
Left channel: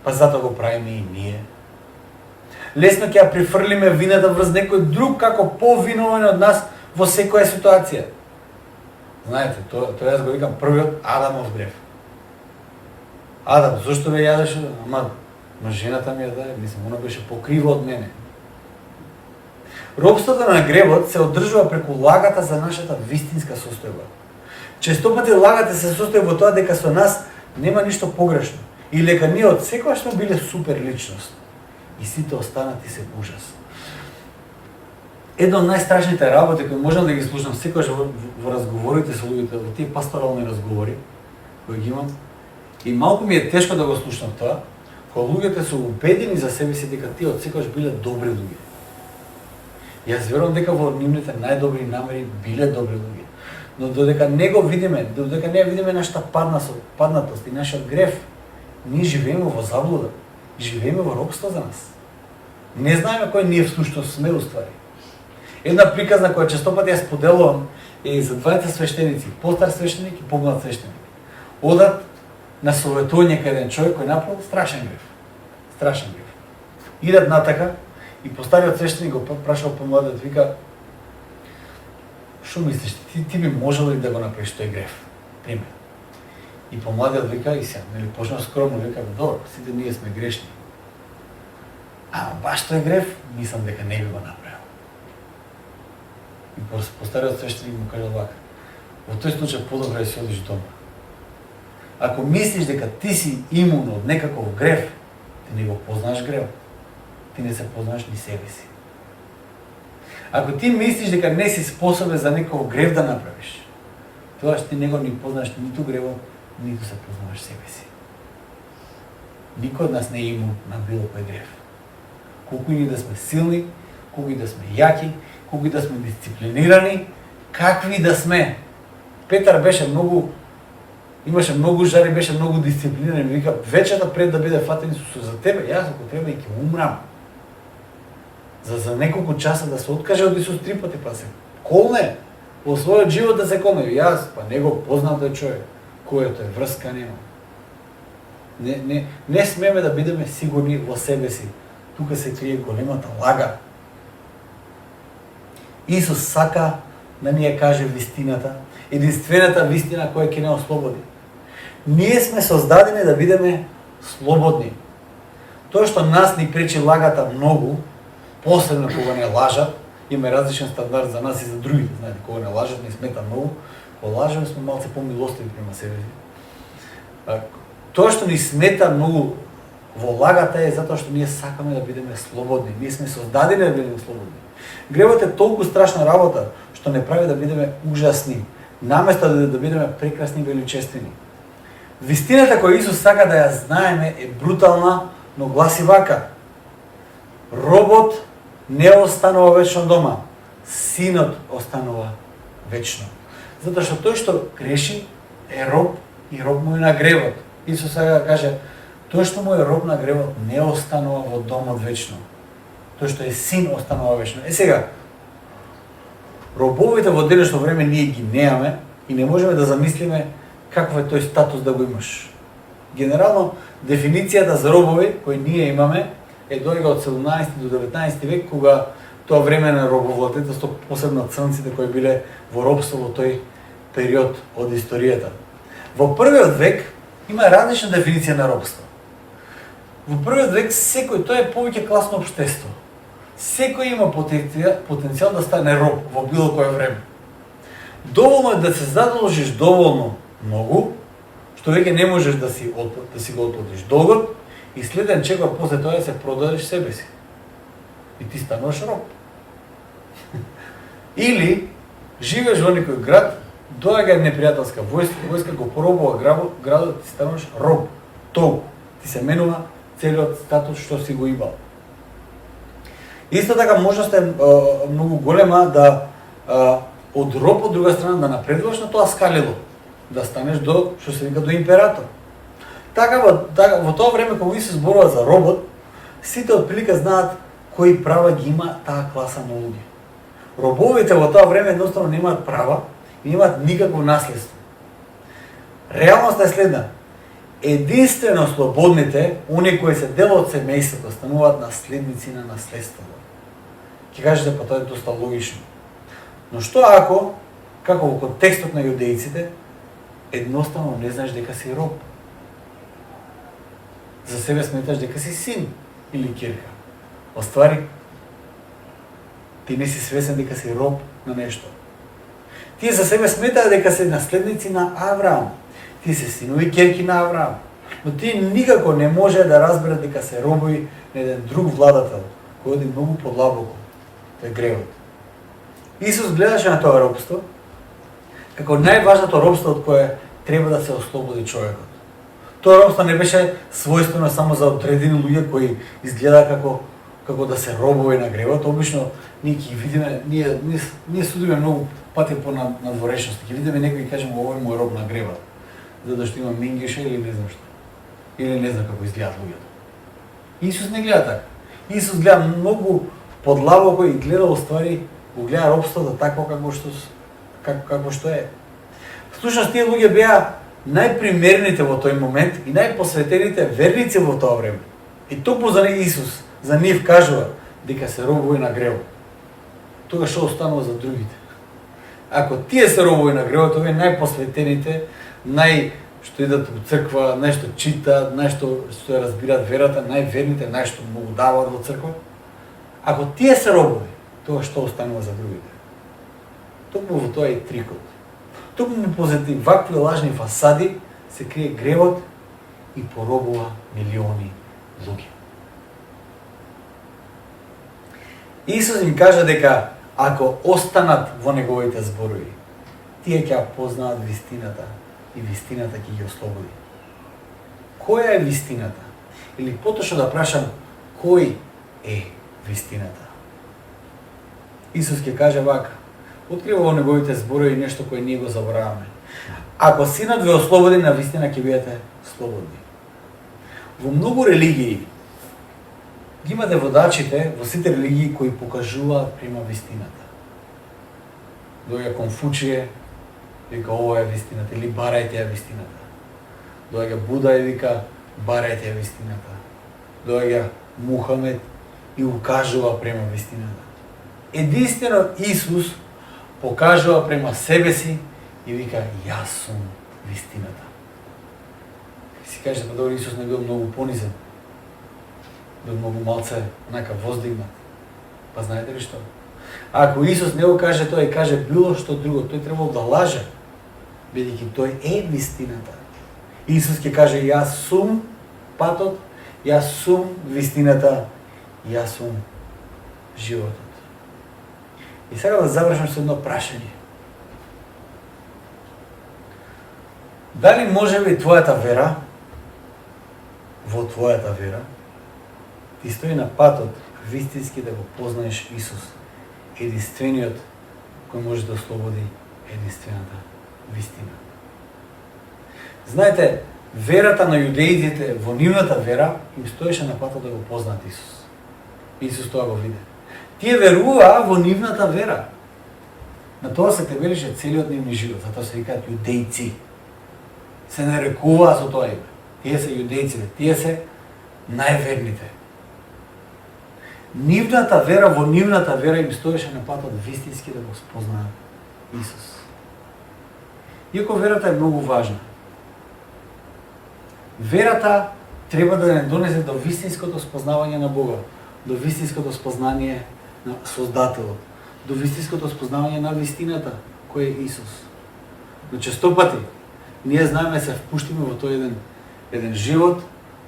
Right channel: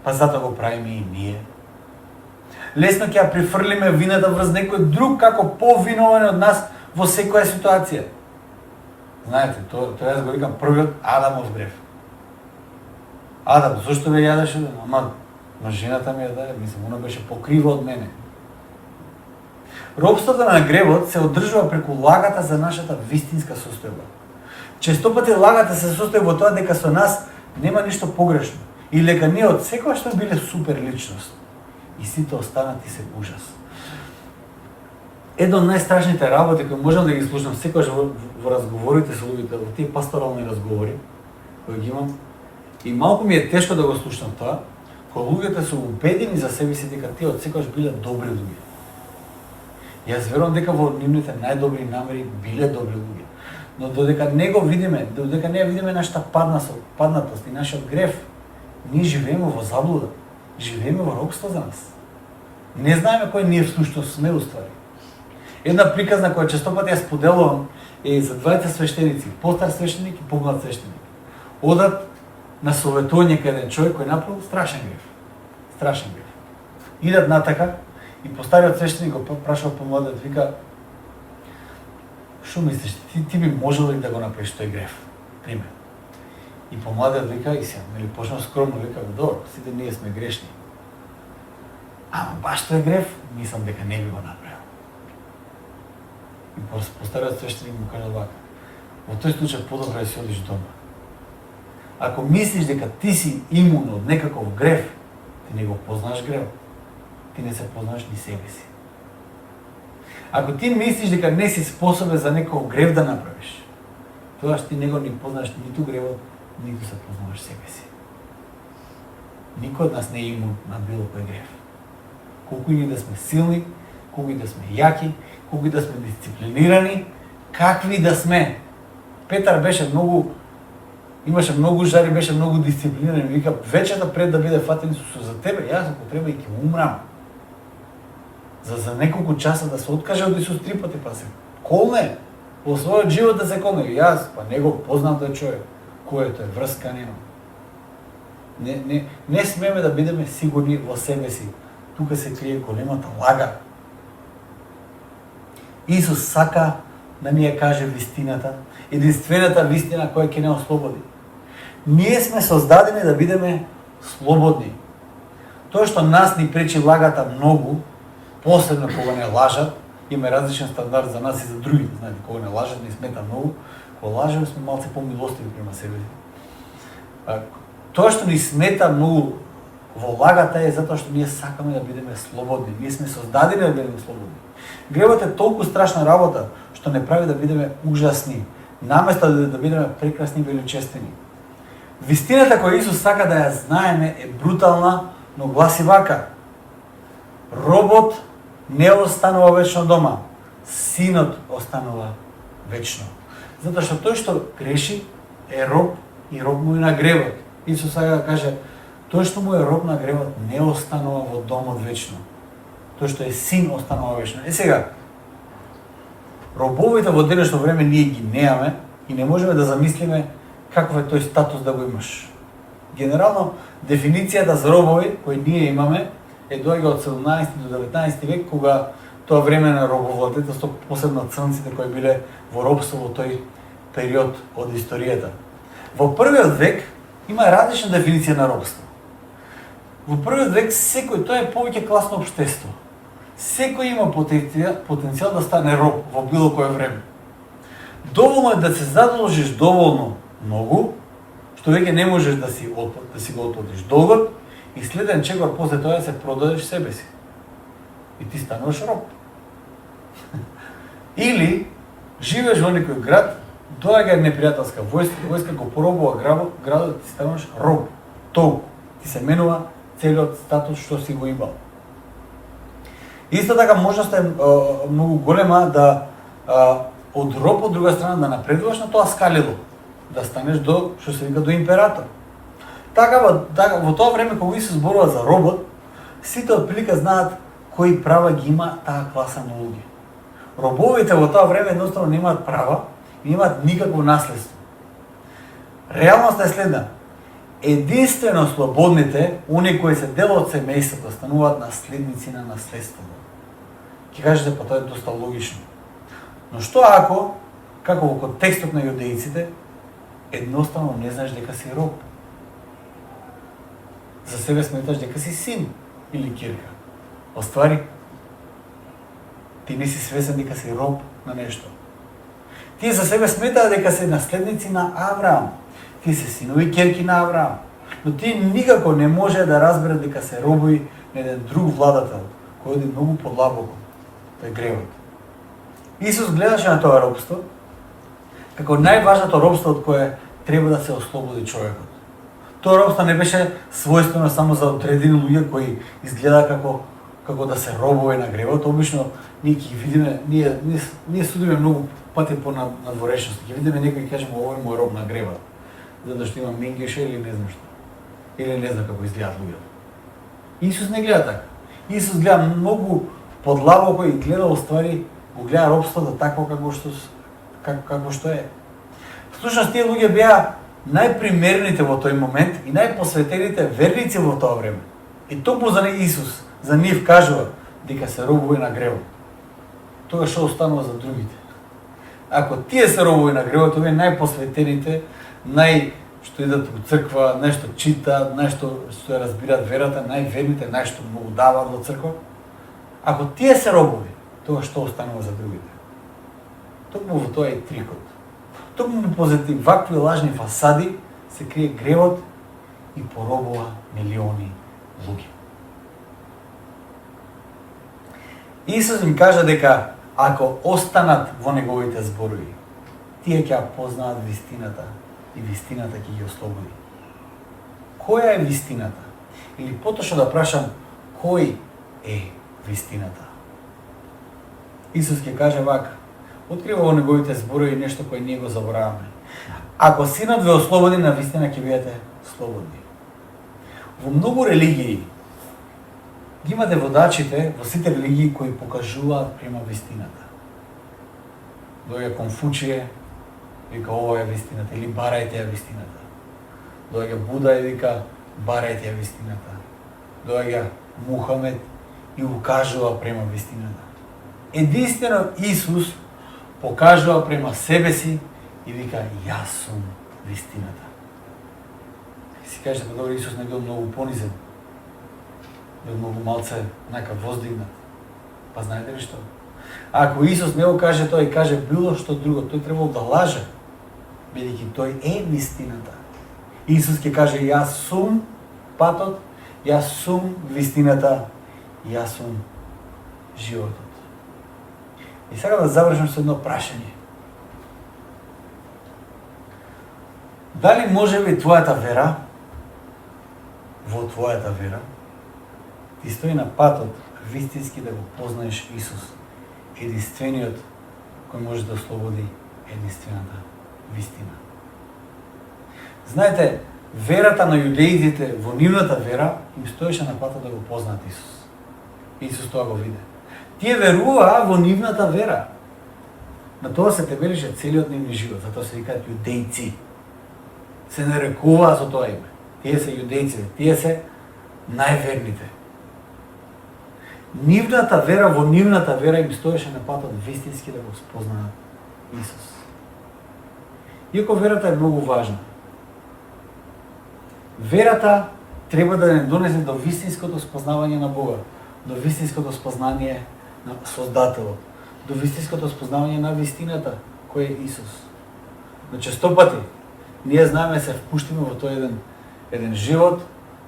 па затоа го правиме и ние. Лесно ќе ја прифрлиме вината врз некој друг како повиновен од нас во секоја ситуација. Знаете, тоа јас го викам првиот Адамов грев. Адам, зошто ме јадеше? Ама жената ми ја даде, мислам, она беше покрива од мене. Робството на гревот се одржува преку лагата за нашата вистинска состојба. Често пати лагата се состои во тоа дека со нас нема ништо погрешно или дека ние од секоја што биле супер личност и сите останати се ужас. Едно од најстрашните работи кои можам да ги слушам секогаш во разговорите со луѓето, во тие пасторални разговори кои ги имам, и малку ми е тешко да го слушам тоа, кога луѓето се убедени за себе си дека тие од секогаш биле добри луѓе. Јас верувам дека во нивните најдобри намери биле добри луѓе. Но додека не го видиме, додека не ја видиме нашата паднатост и нашиот грев, ние живееме во заблуда, живееме во робство за нас. Не знаеме кој ние всушност сме уствари. Една приказна која често пати ја споделувам е за двајца свештеници, постар свештеник и помлад свештеник. Одат на советување кај еден човек кој направил страшен грев. Страшен грев. Идат натака и постариот свештеник го прашал помладиот, вика: "Што мислиш, ти би можел ли да го направиш тој грев?" Пример. И помладиот вика, и се, нели почна скромно, вика: "Добро, сите ние сме грешни. Ама баш тој грев, мислам дека не би го направил." И постариот свештеник му кажа вака: "Во тој случај подобро да си одиш дома. Ако мислиш дека ти си имун од некаков грев, ти не го познаш грев. Ти не се познаш ни себе си. Ако ти мислиш дека не си способен за некој грев да направиш, тогаш ти не го ни познаш ниту гревот, ниту се познаваш себе си. Никој од нас не е имун на било кој грев. Колку и да сме силни, колку и да сме јаки, колку и да сме дисциплинирани, какви да сме. Петар имаше многу жари, беше многу дисциплиниран, вика: "Вечерта пред да биде фатен Исус за тебе, јас ако треба и ќе умрам." За неколку часа да се откаже од Исус 3 пати, па се колне, во својот живот да се колне. Јас, па не го познам тој човек, кој е тој, врска нема. Не смеме да бидеме сигурни во себе си. Тука се крие големата лага. Исус сака да ни ја каже вистината, единствената вистина која ќе не ослободи. Ние сме создадени да бидеме слободни. Тоа што нас ни пречи лагата многу, посебно кога не лажат, има различен стандард за нас и за други. Знаете, кога не лажат, не смета многу, во лажеме сме малце помилостиви према себе си. Тоа што ни смета многу во лагата е затоа што ние сакаме да бидеме слободни. Ние сме создадени да бидеме слободни. Гревот е толку страшна работа што не прави да бидеме ужасни, наместо да бидеме прекрасни и величествени. Вистината која Исус сака да ја знаеме е брутална, но гласи вака: робот не останува вечно дома, синот останува вечно. Затоа што тој што греши е роб и роб му е на гревот. Исус сака да каже: тој што му е роб на гревот не останува во домот вечно. Тој што е син останува вечно. Сега, робовите во денешно време ние ги неаме и не можеме да замислиме каков е тој статус да го имаш. Генерално, дефиницијата за робови кои ние имаме е доаѓа од 17 до 19 век, кога тоа време на робовладетелство, посебно црнците кои биле во робство во тој период од историјата. Во првиот век има различна дефиниција на робство. Во првиот век секој, тоа е повеќе класно општество. Секој има потенцијал да стане роб во било кое време. Доволно е да се задолжиш доволно многу, што веќе не можеш да си го отплатиш долгот, и следен чекор после тоа се продадеш себе си. И ти стануваш роб. Или живееш во некој град, доаѓа непријателска војска го поробува градот, ти стануваш роб. Толку ти се менува целиот статус што си го имал. Исто така можноста е многу голема да од роб од друга страна да напредуваш на тоа скалило, да станеш до што се вика до император. Така во тоа време кога се зборува за робот, сите отприлика знаат кои права ги има таа класа на луѓе. Робовите во тоа време едноставно немаат права и немаат никакво наследство. Реалноста е следна: единствено слободните, оние кои се дел од семејството, стануваат наследници на наследството. Ќе кажете, па тоа е доста логично. Но што ако, како во контекстот на јудејците, едноставно не знаеш дека си роб? За себе сметаш дека си син или ќерка. Оствари, ти не си свесен дека си роб на нешто. Тие за себе сметаат дека се наследници на Авраам. Тие се синови ќерки на Авраам. Но тие никако не може да разберат дека се робови на еден друг владател, кој оди многу подлабоко. Тој гревот. Исус гледаше на тоа робство како најважното робство од кое треба да се ослободи човекот. Тоа робство не беше својствено само за одредени луѓе кои изгледа како да се робови на гревот. Обично ние ќе видиме, ние судиме многу пати по надворешност. Ќе видиме некој и кажеме овој му е роб на гревот, затоа што има менгеше или не знам што. Или не знам како изгледаат луѓето. Исус не гледа така. Исус гледа многу подлабоко и гледа ствари го гледа робството такво како што е. Всушност тие луѓе беа најпримерените во тој момент и најпосветените верници во тоа време. И токму за Исус, за нив кажува дека се робови на гревот. Тоа што останува за другите. Ако тие се робови на гревот, овие најпосветените, што идат во црква, нешто читаат, нешто што ја разбираат верата, најверните, нешто му даваат во црква. Ако тие се робови, тоа што останува за другите. Токму во тоа е трикот. Токму позади вакви лажни фасади се крие гревот и поробува милиони луѓе. Исус им кажа дека ако останат во неговите зборови, тие ќе познаат вистината и вистината ќе ги ослободи. Која е вистината? Или поточно да прашам, кој е вистината? Исус ќе каже вака: открива во неговите зборови нешто кое ние го забораваме. Ако Синот ве ослободи, на вистина ќе бидете слободни. Во многу религии ги имате водачите во сите религии кои покажуваат према вистината. Доаѓа Конфуција, вика ова е вистината, или барајте ја вистината. Доаѓа Буда и вика барајте ја вистината. Доаѓа Мухамед и укажува према вистината. Единствено Исус покажува према себе си и вика јас сум вистината. Си кажете, добро, Исус не бил многу понизен, бил многу малце нака воздигнат. Па знаете ли што? Ако Исус не го каже тоа и каже било што друго, тој требало да лаже, бидејќи тој е вистината. Исус ќе каже јас сум патот, јас сум вистината, јас сум животот. И сега да завршам со едно прашање. Дали може би твојата вера, во твојата вера, ти стои на патот вистински да го познаеш Исус, единствениот кој може да ослободи единствената вистина. Знаете, верата на јудеите во нивната вера им стоеше на патот да го познаат Исус. Исус тоа го виде. Тие веруваа во нивната вера. На тоа се тебелише целиот нивни живот, затоа се викаат јудејци. Се нарекуваа со тоа име. Тие се јудејци, тие се најверните. Нивната вера, во нивната вера им стоеше на патот вистински да го спознаат Исус. Иако верата е многу важна, верата треба да не донесе до вистинското спознавање на Бога, до вистинското спознание на Создателот, до вистинското спознавање на вистината, кој е Исус. Но често пати ние знаеме се впуштиме во тој еден живот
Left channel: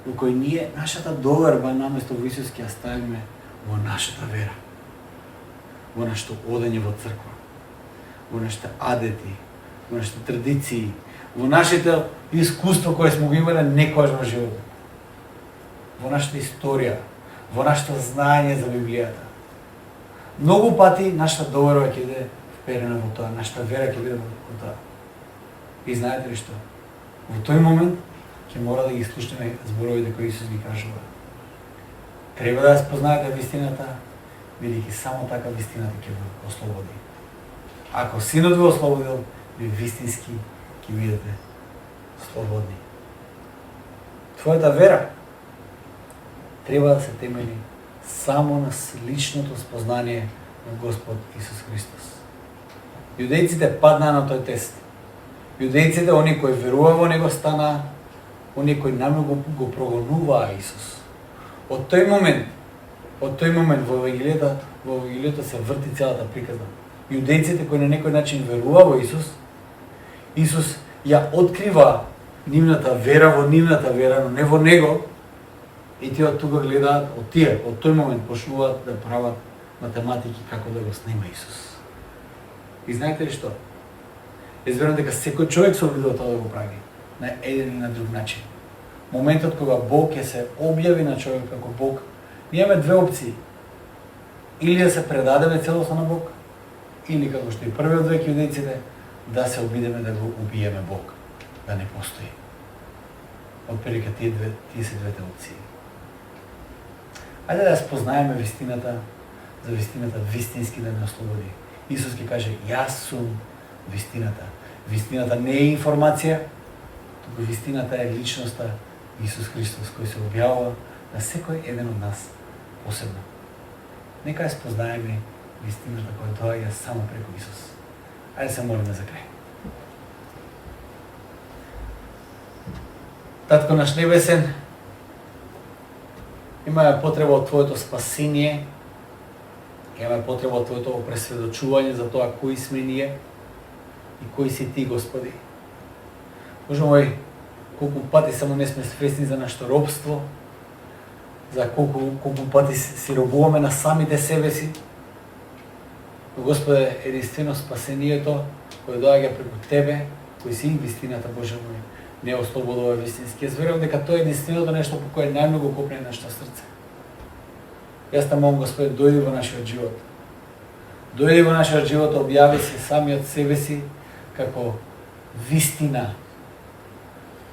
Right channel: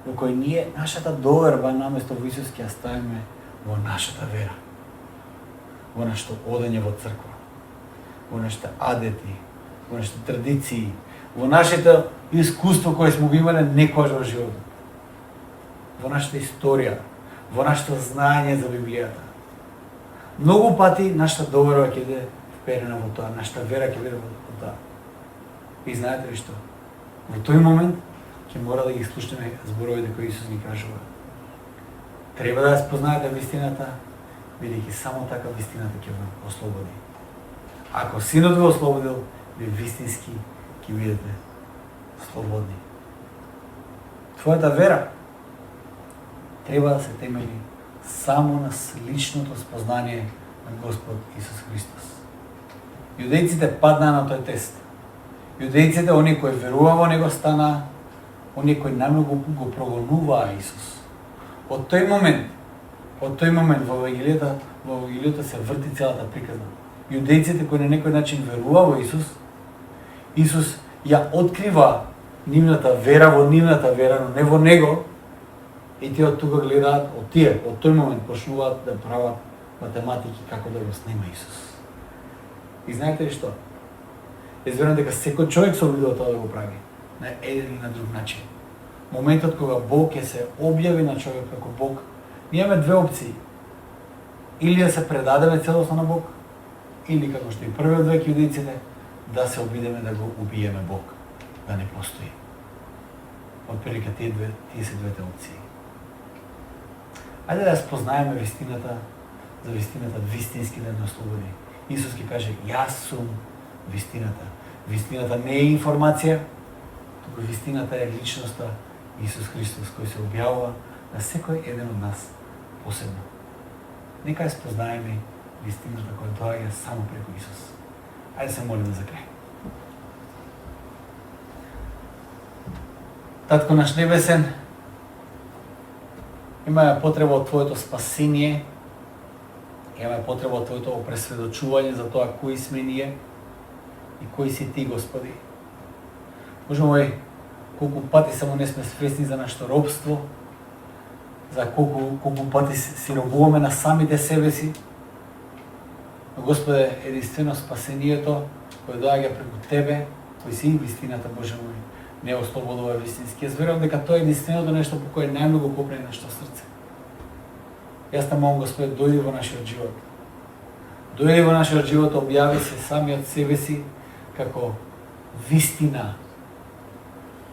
во кој ние нашата доверба наместо во Исус ќе ја ставиме во нашата вера, во нашето одење во црква, во нашите адети, во нашите традиции, во нашите искуство кое сме го имале некогаш во животот, во нашата историја, во нашето знаење за Библијата. Многу пати нашата доверба ќе биде вперена во тоа, нашата вера ќе биде во тоа. И знаете ли што? Во тој момент ќе мора да ги слушаме зборовите кои Исус ги кажува. Треба да ја спознаете вистината, бидејќи само така вистината ќе го ослободи. Ако Синот ви ослободил, ви вистински ќе бидете слободни. Твојата вера треба да се темели само на личното спознание на Господ Исус Христос. Јудејците паднаа на тој тест. Јудејците, они кои веруваа во Него, стана они кои најмногу го прогонуваа Исус. Од тој момент во Евангелието се врти целата приказна. Јудејците кои на некој начин веруваа во Исус, Исус ја открива нивната вера во нивната вера, но не во Него, и тие од тука гледаат, од тој момент почнуваат да прават математики како да го снима Исус. И знаете ли што? Изверувам дека секој човек се обидува тоа да го прави на еден или на друг начин. Моментот кога Бог ќе се објави на човек како Бог, ние имаме две опции. Или да се предадеме целосно на Бог, или како што и првиот век јудејците, да се обидеме да го убиеме Бог, да не постои. Отприлика тие се двете опции. Ајде да спознаеме вистината, за вистината вистински да не ослободи. Исус ги каже, јас сум вистината. Вистината не е информација, туку вистината е личноста Исус Христос, кој се објавува на секој еден од нас посебно. Нека ја спознаеме вистината која доаѓа само преку Исус. Ајде се молиме за крај. Татко наш небесен, имаме потреба од Твоето спасение, имаме потреба од Твоето опресведочување за тоа кои сме ние и кои си Ти, Господи. Боже мој, колку пати само не сме свесни за нашето робство, за колку пати си робуваме на самите себе си. Но, Господе, единствено спасението кој доаѓа преку Тебе, кој си вистината, Боже мој, не ослободува вистински. Јас верувам дека тоа е единственото нешто по кое најмногу копне нашето срце. Јас те молам, Господи, дојди во нашиот живот. Дојди во нашиот живот, објави се самиот себе си како вистина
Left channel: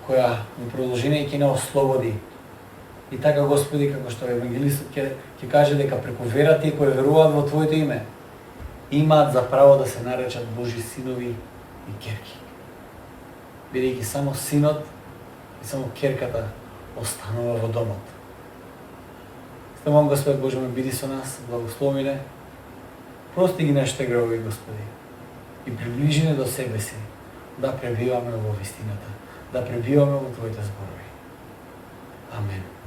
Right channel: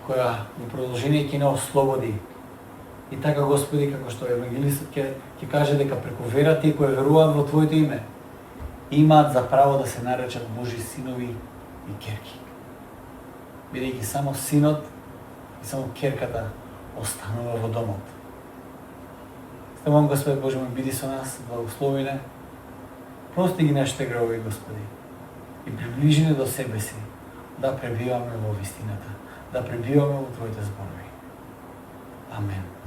која во продолжение ќе не ослободи. И така, Господи, како што евангелистот ќе каже дека преку верата и кој веруваат во Твоето име, имаат за право да се наречат Божи синови и ќерки. Бидејќи само синот и само ќерката останува во домот. Стамам, Господи Боже мој, биди со нас, благослови не, прости ги нашите гревови, Господи, и приближи не до себе си, да пребиваме во вистината, да пребиваме во Твоите зборови. Амен.